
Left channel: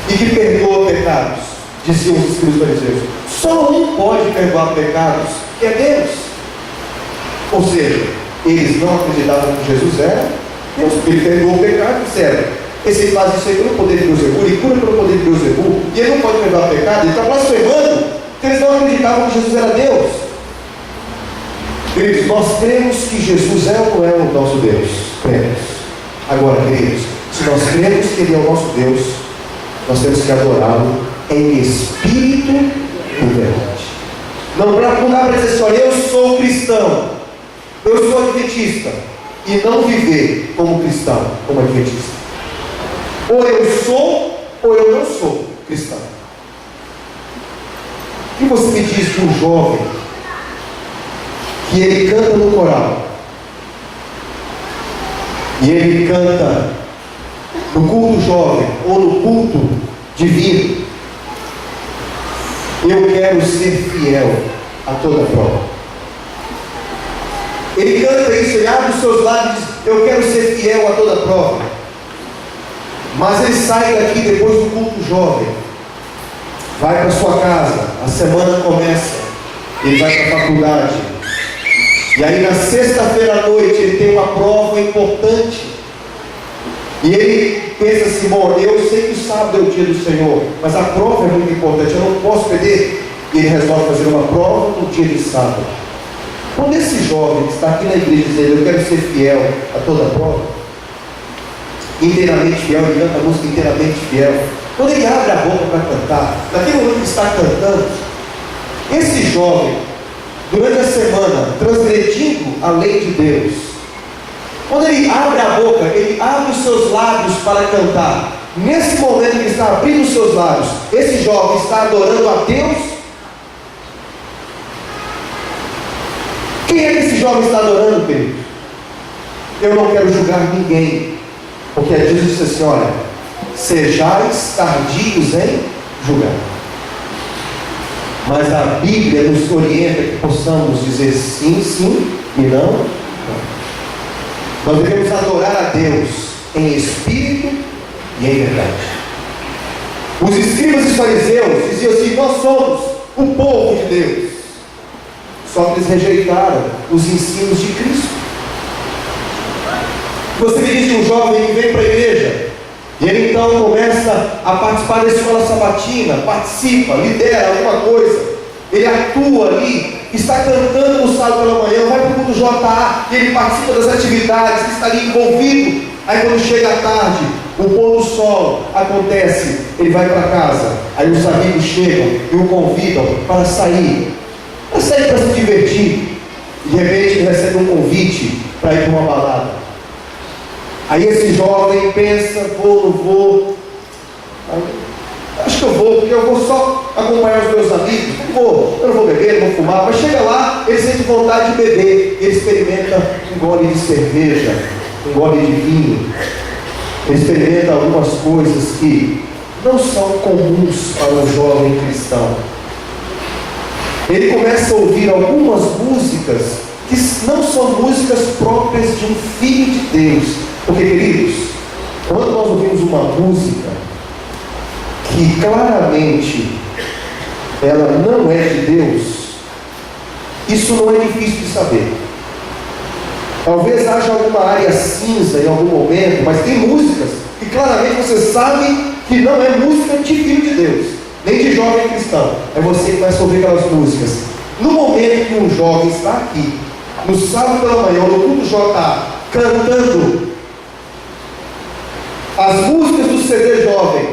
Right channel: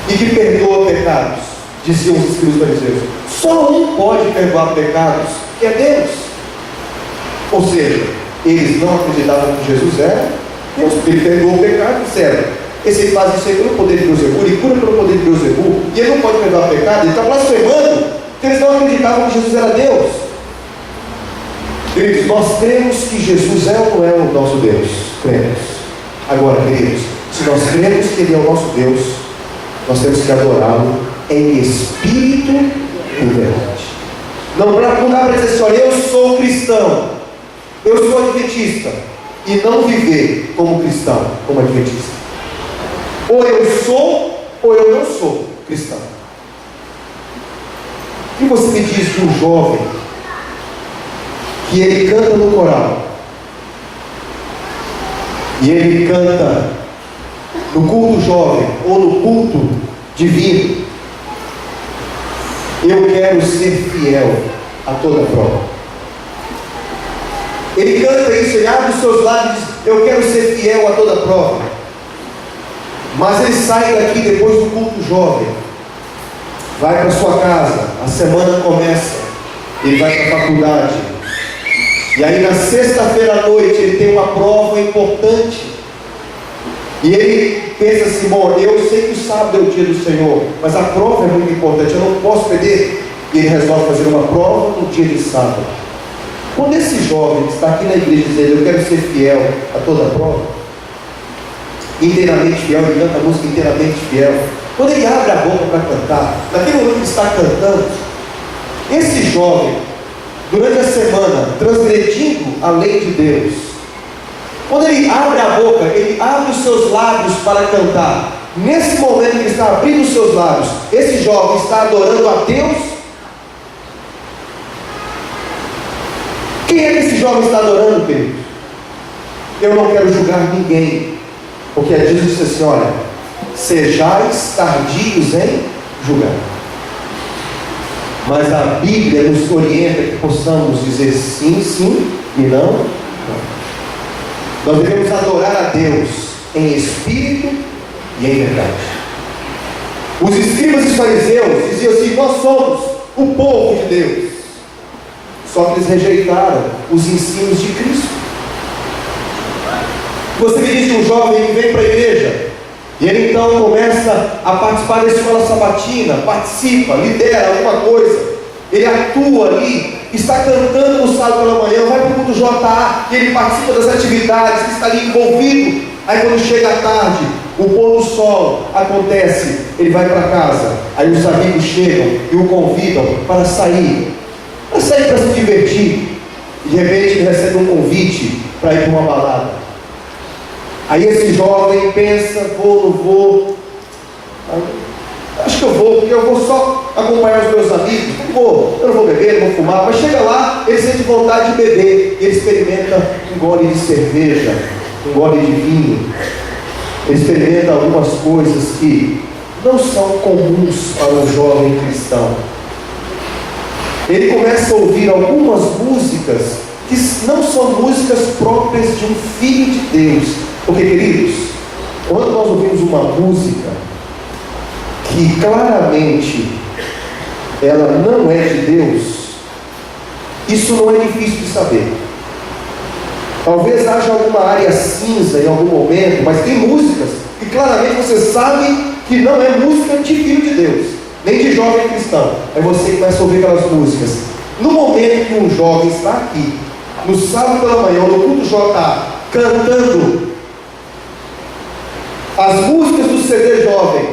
e que perdoa pecados? Diziam os escribas e fariseus: só um pode perdoar pecados, que é Deus. Ou seja, eles não acreditavam que Jesus era Deus, porque ele perdoou o pecado. Disseram: esse aí faz isso aí pelo poder de Beuzebu, ele cura pelo poder de Beuzebu, e ele não pode perdoar pecado. Ele está blasfemando, porque eles não acreditavam que Jesus era Deus. Queridos, nós cremos que Jesus é ou não é o nosso Deus? Cremos. Agora, queridos, se nós cremos que Ele é o nosso Deus, nós temos que adorá-lo em espírito e verdade. Não dá para dizer assim: olha, eu sou cristão, eu sou adventista, e não viver como cristão, como adventista. Ou eu sou, ou eu não sou cristão. O que você me diz de um jovem que ele canta no coral, e ele canta no culto jovem ou no culto divino. Eu quero ser fiel a toda prova. Ele canta isso, ele abre os seus lábios e diz: eu quero ser fiel a toda prova. Mas ele sai daqui depois do culto jovem, vai para sua casa, a semana começa, ele vai para a faculdade, e aí na sexta-feira à noite ele tem uma prova importante, e ele pensa assim: bom, eu sei que o sábado é o dia do Senhor, mas a prova é muito importante, eu não posso perder. E ele resolve fazer uma prova no dia de sábado. Quando esse jovem que está aqui na igreja dizendo: eu quero ser fiel a toda prova, inteiramente fiel, ele canta a música inteiramente fiel, quando ele abre a boca para cantar, naquele momento que está cantando, esse jovem, durante a semana, transgredindo a lei de Deus, quando ele abre a boca, ele abre os seus lábios para cantar. Nesse momento que ele está abrindo os seus lábios, esse jovem está adorando a Deus. Quem é que esse jovem está adorando, querido? Eu não quero julgar ninguém, porque Jesus disse assim: olha, sejais tardios em julgar. Mas a Bíblia nos orienta que possamos dizer sim, sim e não, não. Nós devemos adorar a Deus em espírito e em verdade. Os escribas e os fariseus diziam assim: nós somos o povo de Deus. Só que eles rejeitaram os ensinos de Cristo. Você me diz de um jovem que vem para a igreja, e ele então começa a participar da escola sabatina, participa, lidera alguma coisa, ele atua ali, está cantando no sábado pela manhã, vai para o culto JA, e ele participa das atividades, ele está ali envolvido. Aí quando chega a tarde, o pôr do sol acontece, ele vai para casa, aí os amigos chegam e o convidam para sair para se divertir, e de repente ele recebe um convite para ir para uma balada. Aí esse jovem pensa: vou, não vou? Acho que eu vou, porque eu vou só acompanhar os meus amigos. Eu não vou beber, não vou fumar. Mas chega lá, ele sente vontade de beber, ele experimenta um gole de cerveja, um gole de vinho, ele experimenta algumas coisas que não são comuns para um jovem cristão. Ele começa a ouvir algumas músicas que não são músicas próprias de um filho de Deus. Porque, queridos, quando nós ouvimos uma música que claramente ela não é de Deus, isso não é difícil de saber. Talvez haja alguma área cinza em algum momento, mas tem músicas que claramente você sabe que não é música de filho de Deus, nem de jovem cristão. Aí você começa a ouvir aquelas músicas. No momento que um jovem está aqui, no sábado pela manhã, no culto JA, cantando as músicas do CD jovem,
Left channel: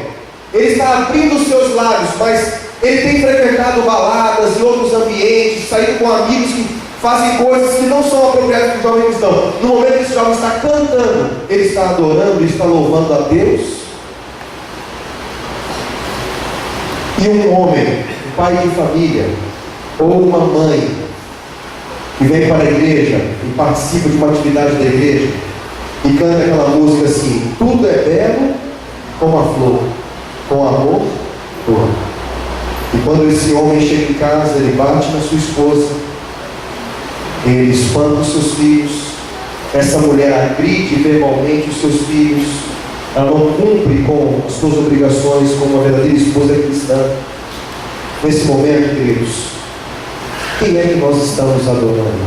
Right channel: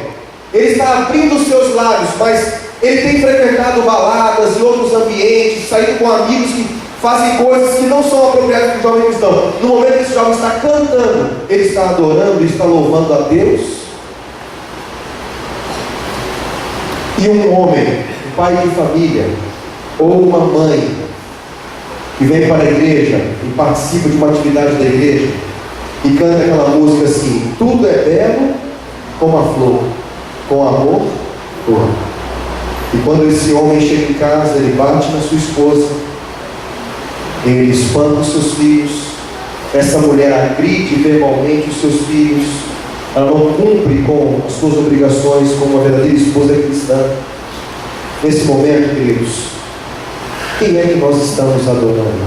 ele está abrindo os seus lábios, mas ele tem frequentado baladas e outros ambientes, saído com amigos que fazem coisas que não são apropriadas para o jovem cristão. No momento que esse jovem está cantando, ele está adorando e está louvando a Deus. E um homem, um pai de família, ou uma mãe, que vem para a igreja e participa de uma atividade da igreja, e canta aquela música assim: tudo é belo como a flor, com amor, dor. E quando esse homem chega em casa, ele bate na sua esposa, ele espanta os seus filhos, essa mulher agride verbalmente os seus filhos, ela não cumpre com as suas obrigações como uma verdadeira esposa cristã. Nesse momento, queridos, quem é que nós estamos adorando?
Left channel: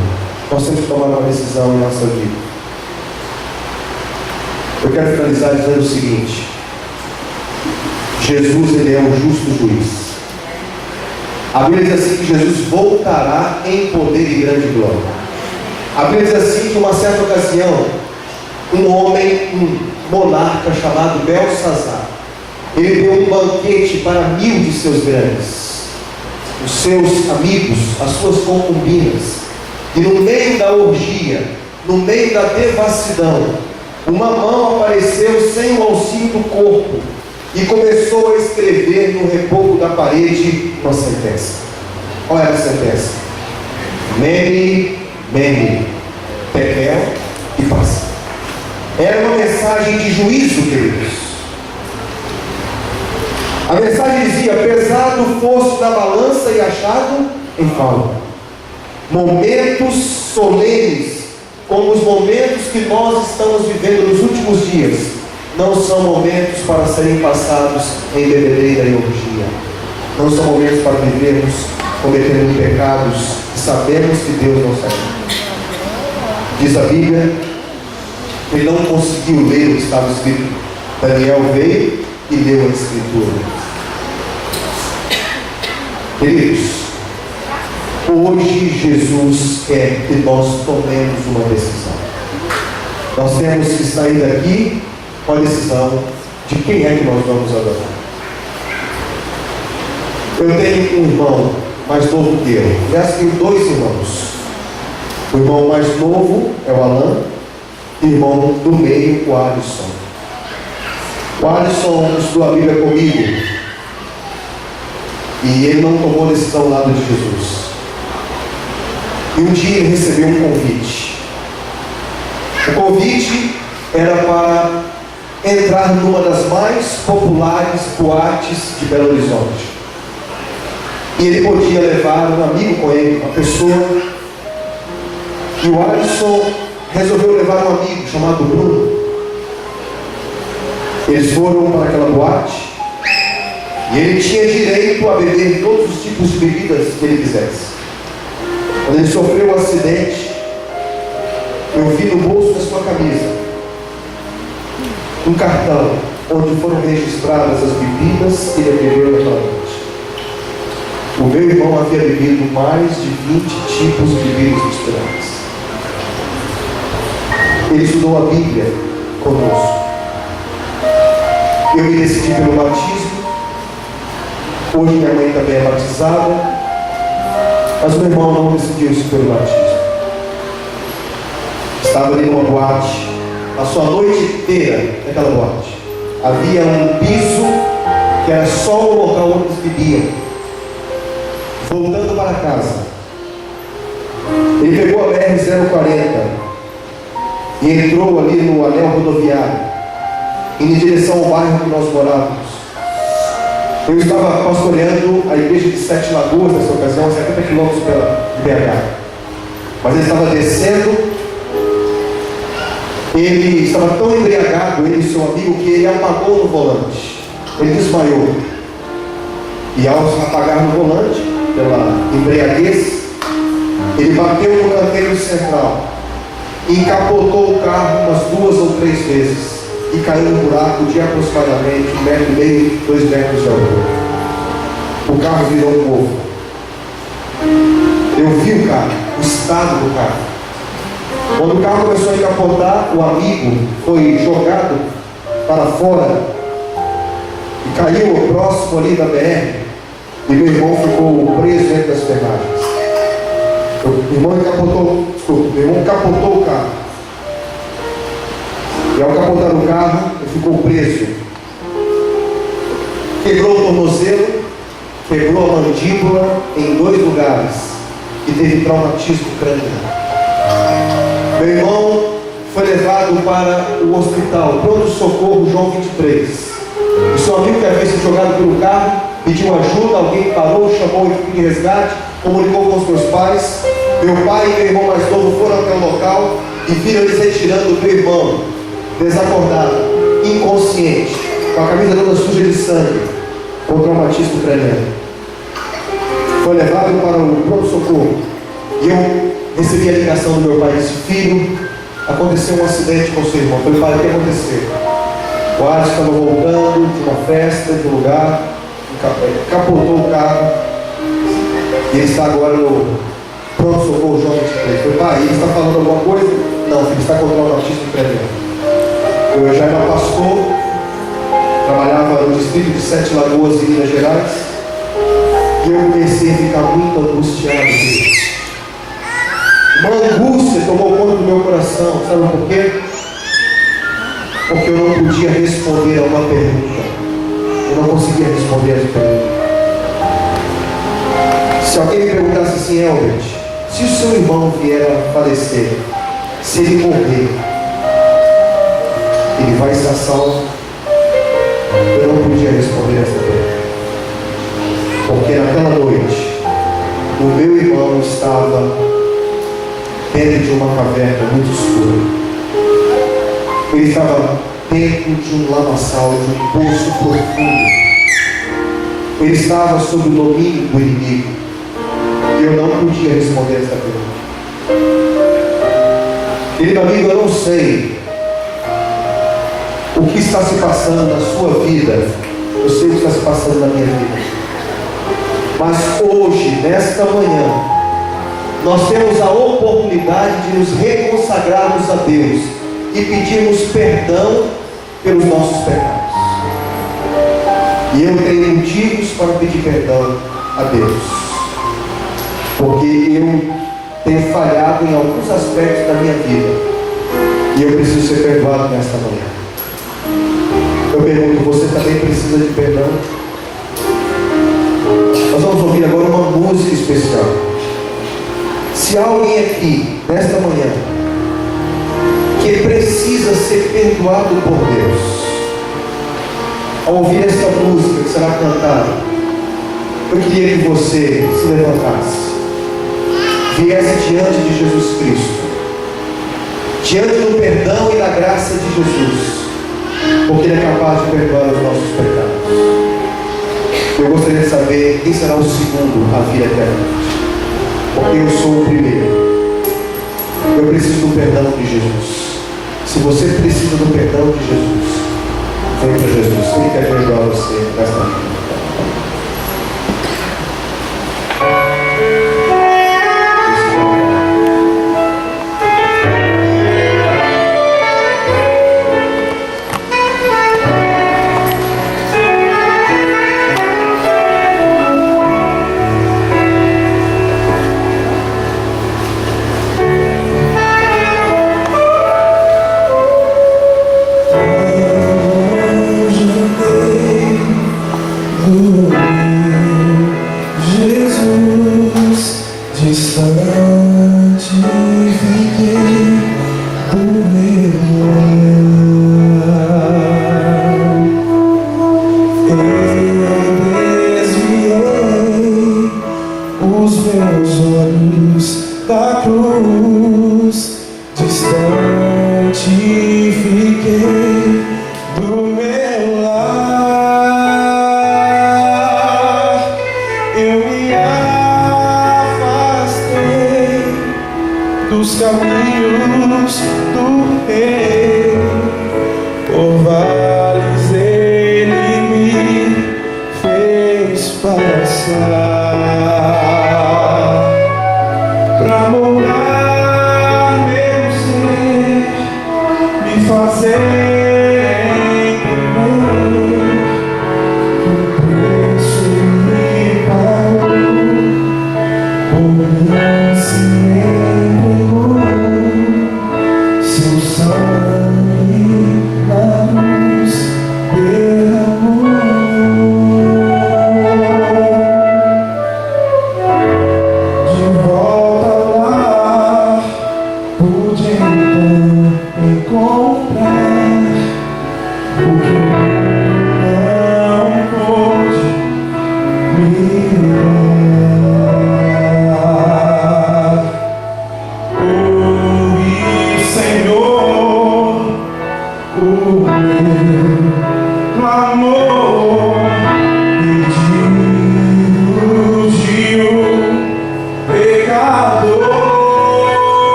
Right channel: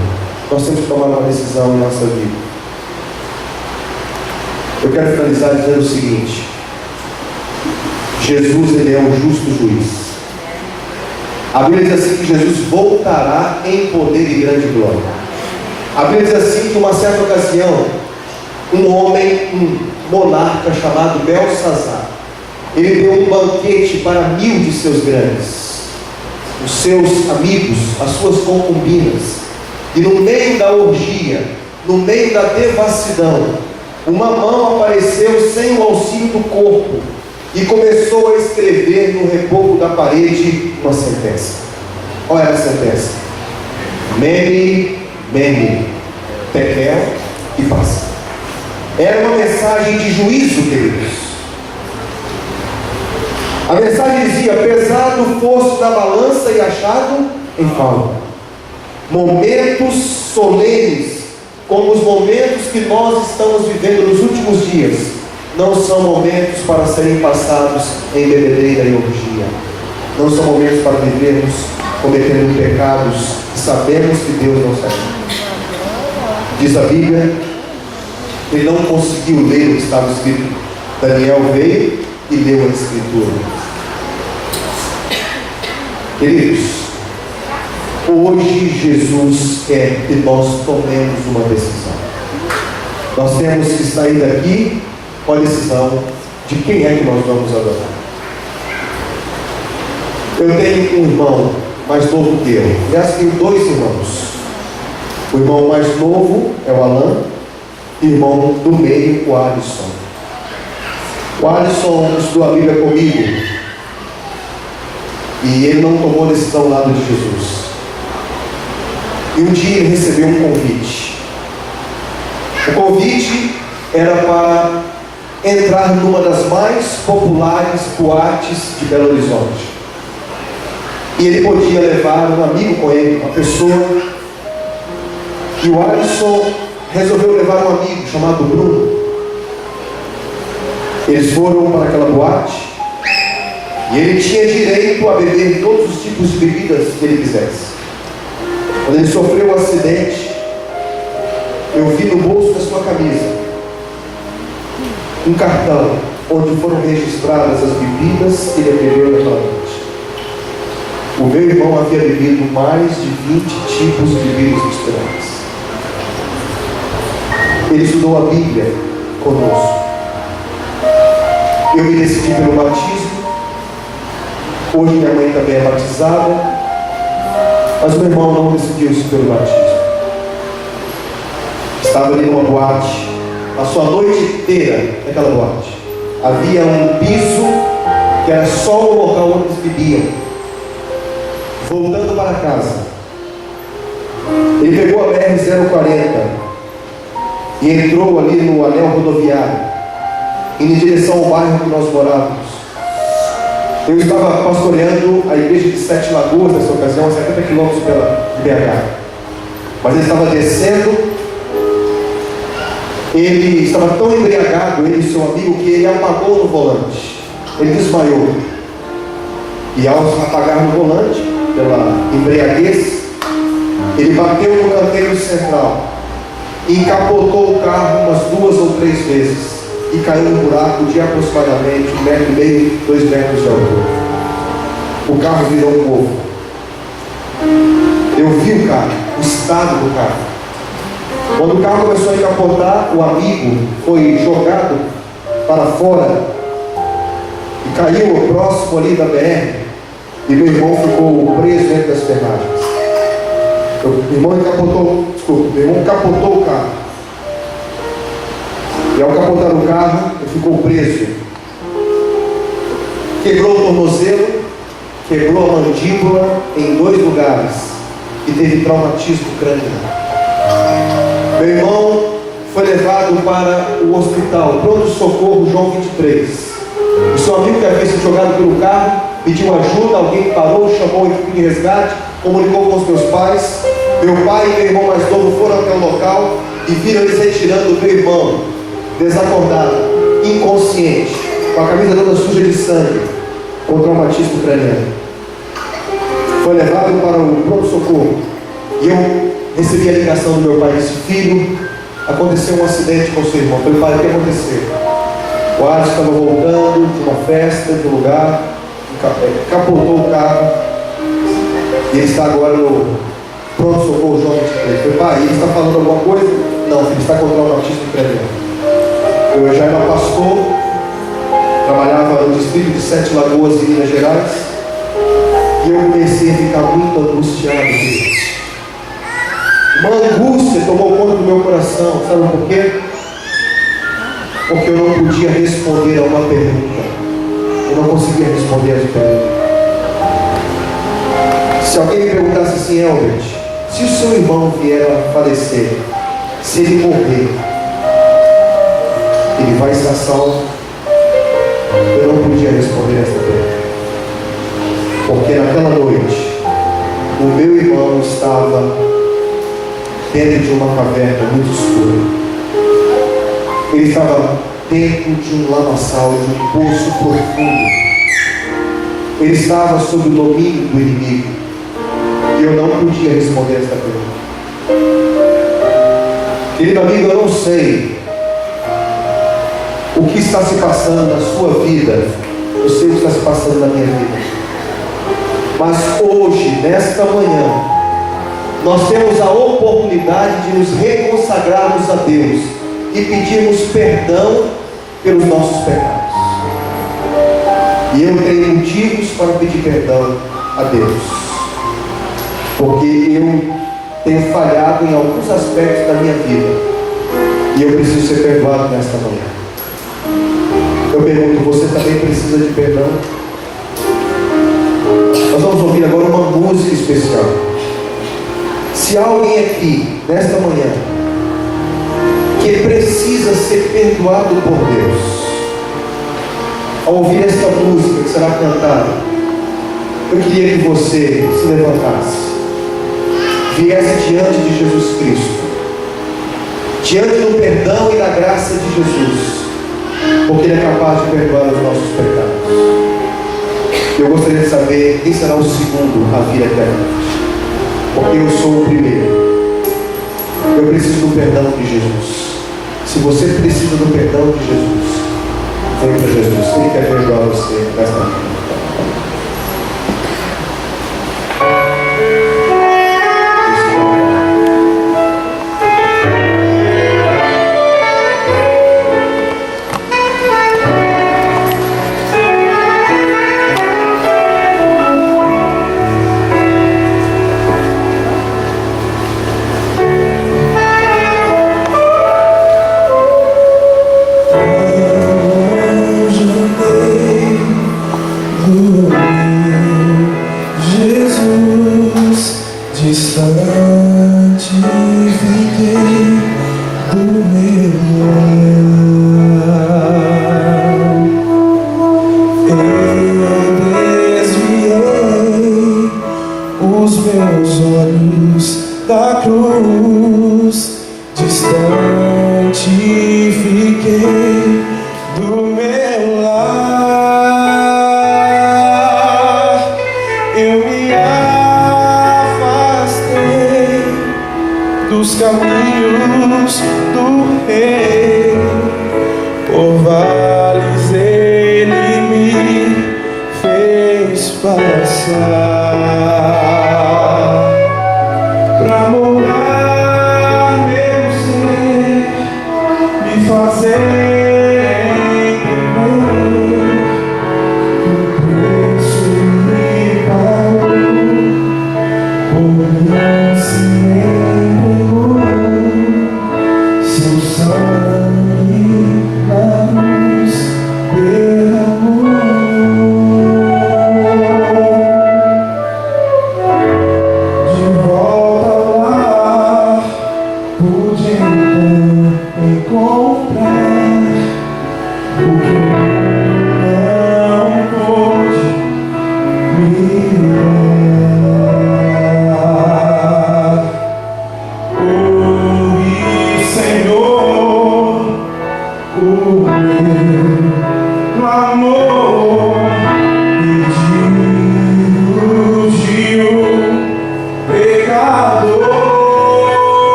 Nós temos que tomar uma decisão em nossa vida. Eu quero finalizar dizendo o seguinte: Jesus, ele é um justo juiz. A Bíblia diz assim que Jesus voltará em poder e grande glória. A Bíblia diz assim que uma certa ocasião, um homem, um monarca chamado Belsazar, ele deu um banquete para 1000 de seus grandes, os seus amigos, as suas concubinas. E no meio da orgia, no meio da devassidão, uma mão apareceu sem o auxílio do corpo e começou a escrever no reboco da parede uma sentença. Qual era a sentença? Mene, Mene, Tekel e paz. Era uma mensagem de juízo, queridos. A mensagem dizia: pesado fosse na balança e achado em falta. Momentos solenes, como os momentos que nós estamos vivendo nos últimos dias, não são momentos para serem passados em bebedeira e orgia. Não são momentos para vivermos cometendo pecados e sabemos que Deus não sabe. Diz a Bíblia, ele não conseguiu ler o que estava escrito. Daniel veio e leu a Escritura. Queridos, hoje Jesus quer que nós tomemos uma decisão. Nós temos que sair daqui com a decisão de quem é que nós vamos adorar. Eu tenho um irmão mais novo que eu. Aliás, tenho 2 irmãos. O irmão mais novo é o Alan, e o irmão do meio, o Alisson. O Alisson estudou a Bíblia comigo, e ele não tomou decisão ao lado de Jesus. E um dia ele recebeu um convite. O convite era para entrar numa das mais populares boates de Belo Horizonte. E ele podia levar um amigo com ele, uma pessoa. E o Alisson resolveu levar um amigo chamado Bruno. Eles foram para aquela boate. E ele tinha direito a beber todos os tipos de bebidas que ele quisesse. Quando ele sofreu um acidente, eu vi no bolso da sua camisa um cartão onde foram registradas as bebidas que ele bebeu naquela noite. O meu irmão havia bebido mais de 20 tipos de bebidas misturadas. Ele estudou a Bíblia conosco. Eu me decidi pelo batismo. Hoje minha mãe também é batizada, mas o meu irmão não decidiu-se pelo batismo. Estava ali numa boate, passou a noite inteira naquela boate. Havia um piso que era só o local onde eles bebiam. Voltando para casa, ele pegou a BR-040 e entrou ali no anel rodoviário, indo em direção ao bairro que nós morávamos. Eu estava pastoreando a igreja de Sete Lagoas nessa ocasião, a 70 quilômetros de BH. Mas ele estava descendo, ele estava tão embriagado, ele e seu amigo, que ele apagou no volante. Ele desmaiou. E ao apagar no volante, pela embriaguez, ele bateu no canteiro central e encapotou o carro umas 2 ou 3 vezes e caiu num buraco de aproximadamente 1,5 metros, 2 metros de altura. O carro virou um povo. Eu vi o carro, o estado do carro. Quando o carro começou a encapotar, o amigo foi jogado para fora e caiu próximo ali da BR, e meu irmão ficou preso entre as ferragens. Meu irmão capotou o carro. E ao capotar o carro, ele ficou preso. Quebrou o tornozelo, quebrou a mandíbula em 2 lugares e teve traumatismo craniano. Meu irmão foi levado para o hospital, pronto-socorro João 23. O seu amigo que havia sido jogado pelo carro pediu ajuda, alguém parou, chamou a equipe de resgate, comunicou com os meus pais. Meu pai e meu irmão mais novo foram até o local e viram eles retirando o meu irmão, desacordado, inconsciente, com a camisa toda suja de sangue, com traumatismo craniano. Foi levado para o pronto-socorro e eu recebi a ligação do meu pai e disse: filho, aconteceu um acidente com seu irmão. Eu falei: pai, o que aconteceu? O Alisson estava voltando de uma festa, de um lugar, capotou o carro e ele está agora no pronto-socorro João 23. Eu falei: pai, ele está falando alguma coisa? Não, filho, está com traumatismo craniano. Eu já era pastor, trabalhava no distrito de Sete Lagoas, em Minas Gerais, e eu comecei a ficar muito angustiado. Uma angústia tomou conta do meu coração. Sabe por quê? Porque eu não podia responder a uma pergunta. Eu não conseguia responder essa pergunta. Se alguém me perguntasse assim: Elbert, se o seu irmão vier a falecer, se ele morrer, ele vai estar salvo? Eu não podia responder essa pergunta, porque naquela noite o meu irmão estava dentro de uma caverna muito escura. Ele estava dentro de um lamaçal, de um poço profundo. Ele estava sob o domínio do inimigo. E eu não podia responder essa pergunta. Querido amigo, eu não sei o que está se passando na sua vida. Eu sei o que está se passando na minha vida. Mas hoje, nesta manhã, nós temos a oportunidade de nos reconsagrarmos a Deus e pedirmos perdão pelos nossos pecados. E eu tenho motivos para pedir perdão a Deus, porque eu tenho falhado em alguns aspectos da minha vida e eu preciso ser perdoado nesta manhã. Eu pergunto, você também precisa de perdão? Nós vamos ouvir agora uma música especial. Se há alguém aqui nesta manhã que precisa ser perdoado por Deus, ao ouvir esta música que será cantada, eu queria que você se levantasse, viesse diante de Jesus Cristo, diante do perdão e da graça de Jesus, porque Ele é capaz de perdoar os nossos pecados. Eu gostaria de saber quem será o segundo a vir eternamente, porque eu sou o primeiro. Eu preciso do perdão de Jesus. Se você precisa do perdão de Jesus, vem para Jesus. Ele quer perdoar você nesta vida.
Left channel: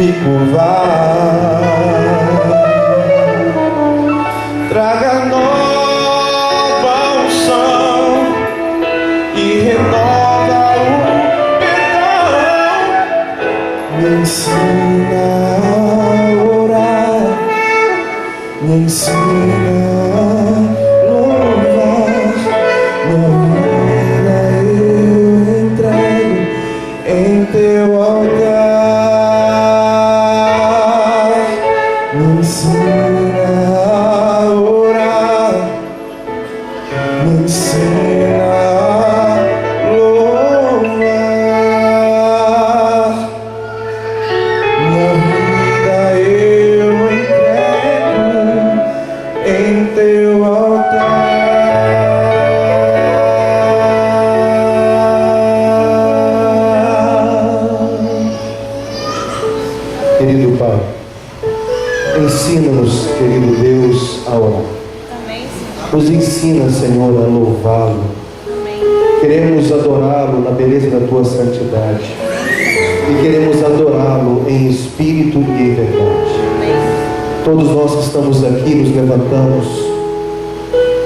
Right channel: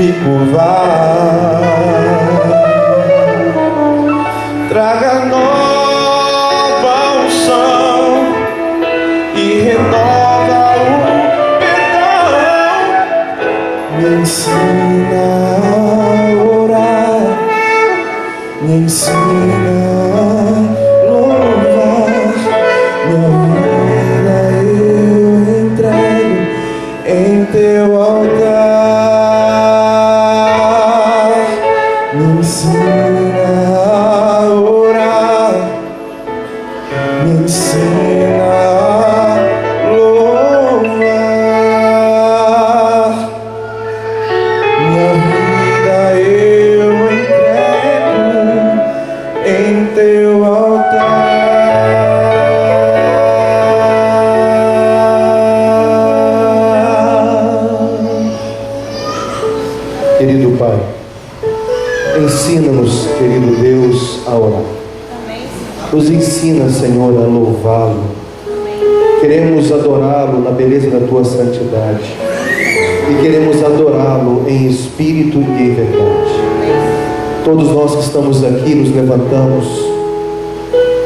me curvar. Traga nova unção e renova o perdão. Me ensina a orar, me ensina a louvar. Minha vida eu entrego em teu altar. Me ensina a orar, me ensina a louvar. Minha vida eu entrego em teu altar. Querido Pai, ensina-nos, querido Deus, a orar. Nos ensina, Senhor, a louvá-lo. Queremos adorá-lo na beleza da tua santidade. E queremos adorá-lo em espírito e em verdade. Todos nós que estamos aqui nos levantamos.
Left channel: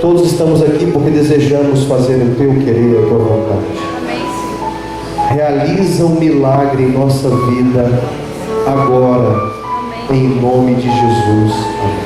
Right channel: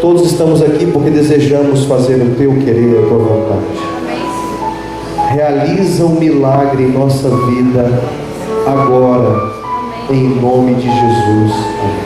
Todos estamos aqui porque desejamos fazer o teu querer, a tua vontade. Realiza um milagre em nossa vida agora, em nome de Jesus. Amém.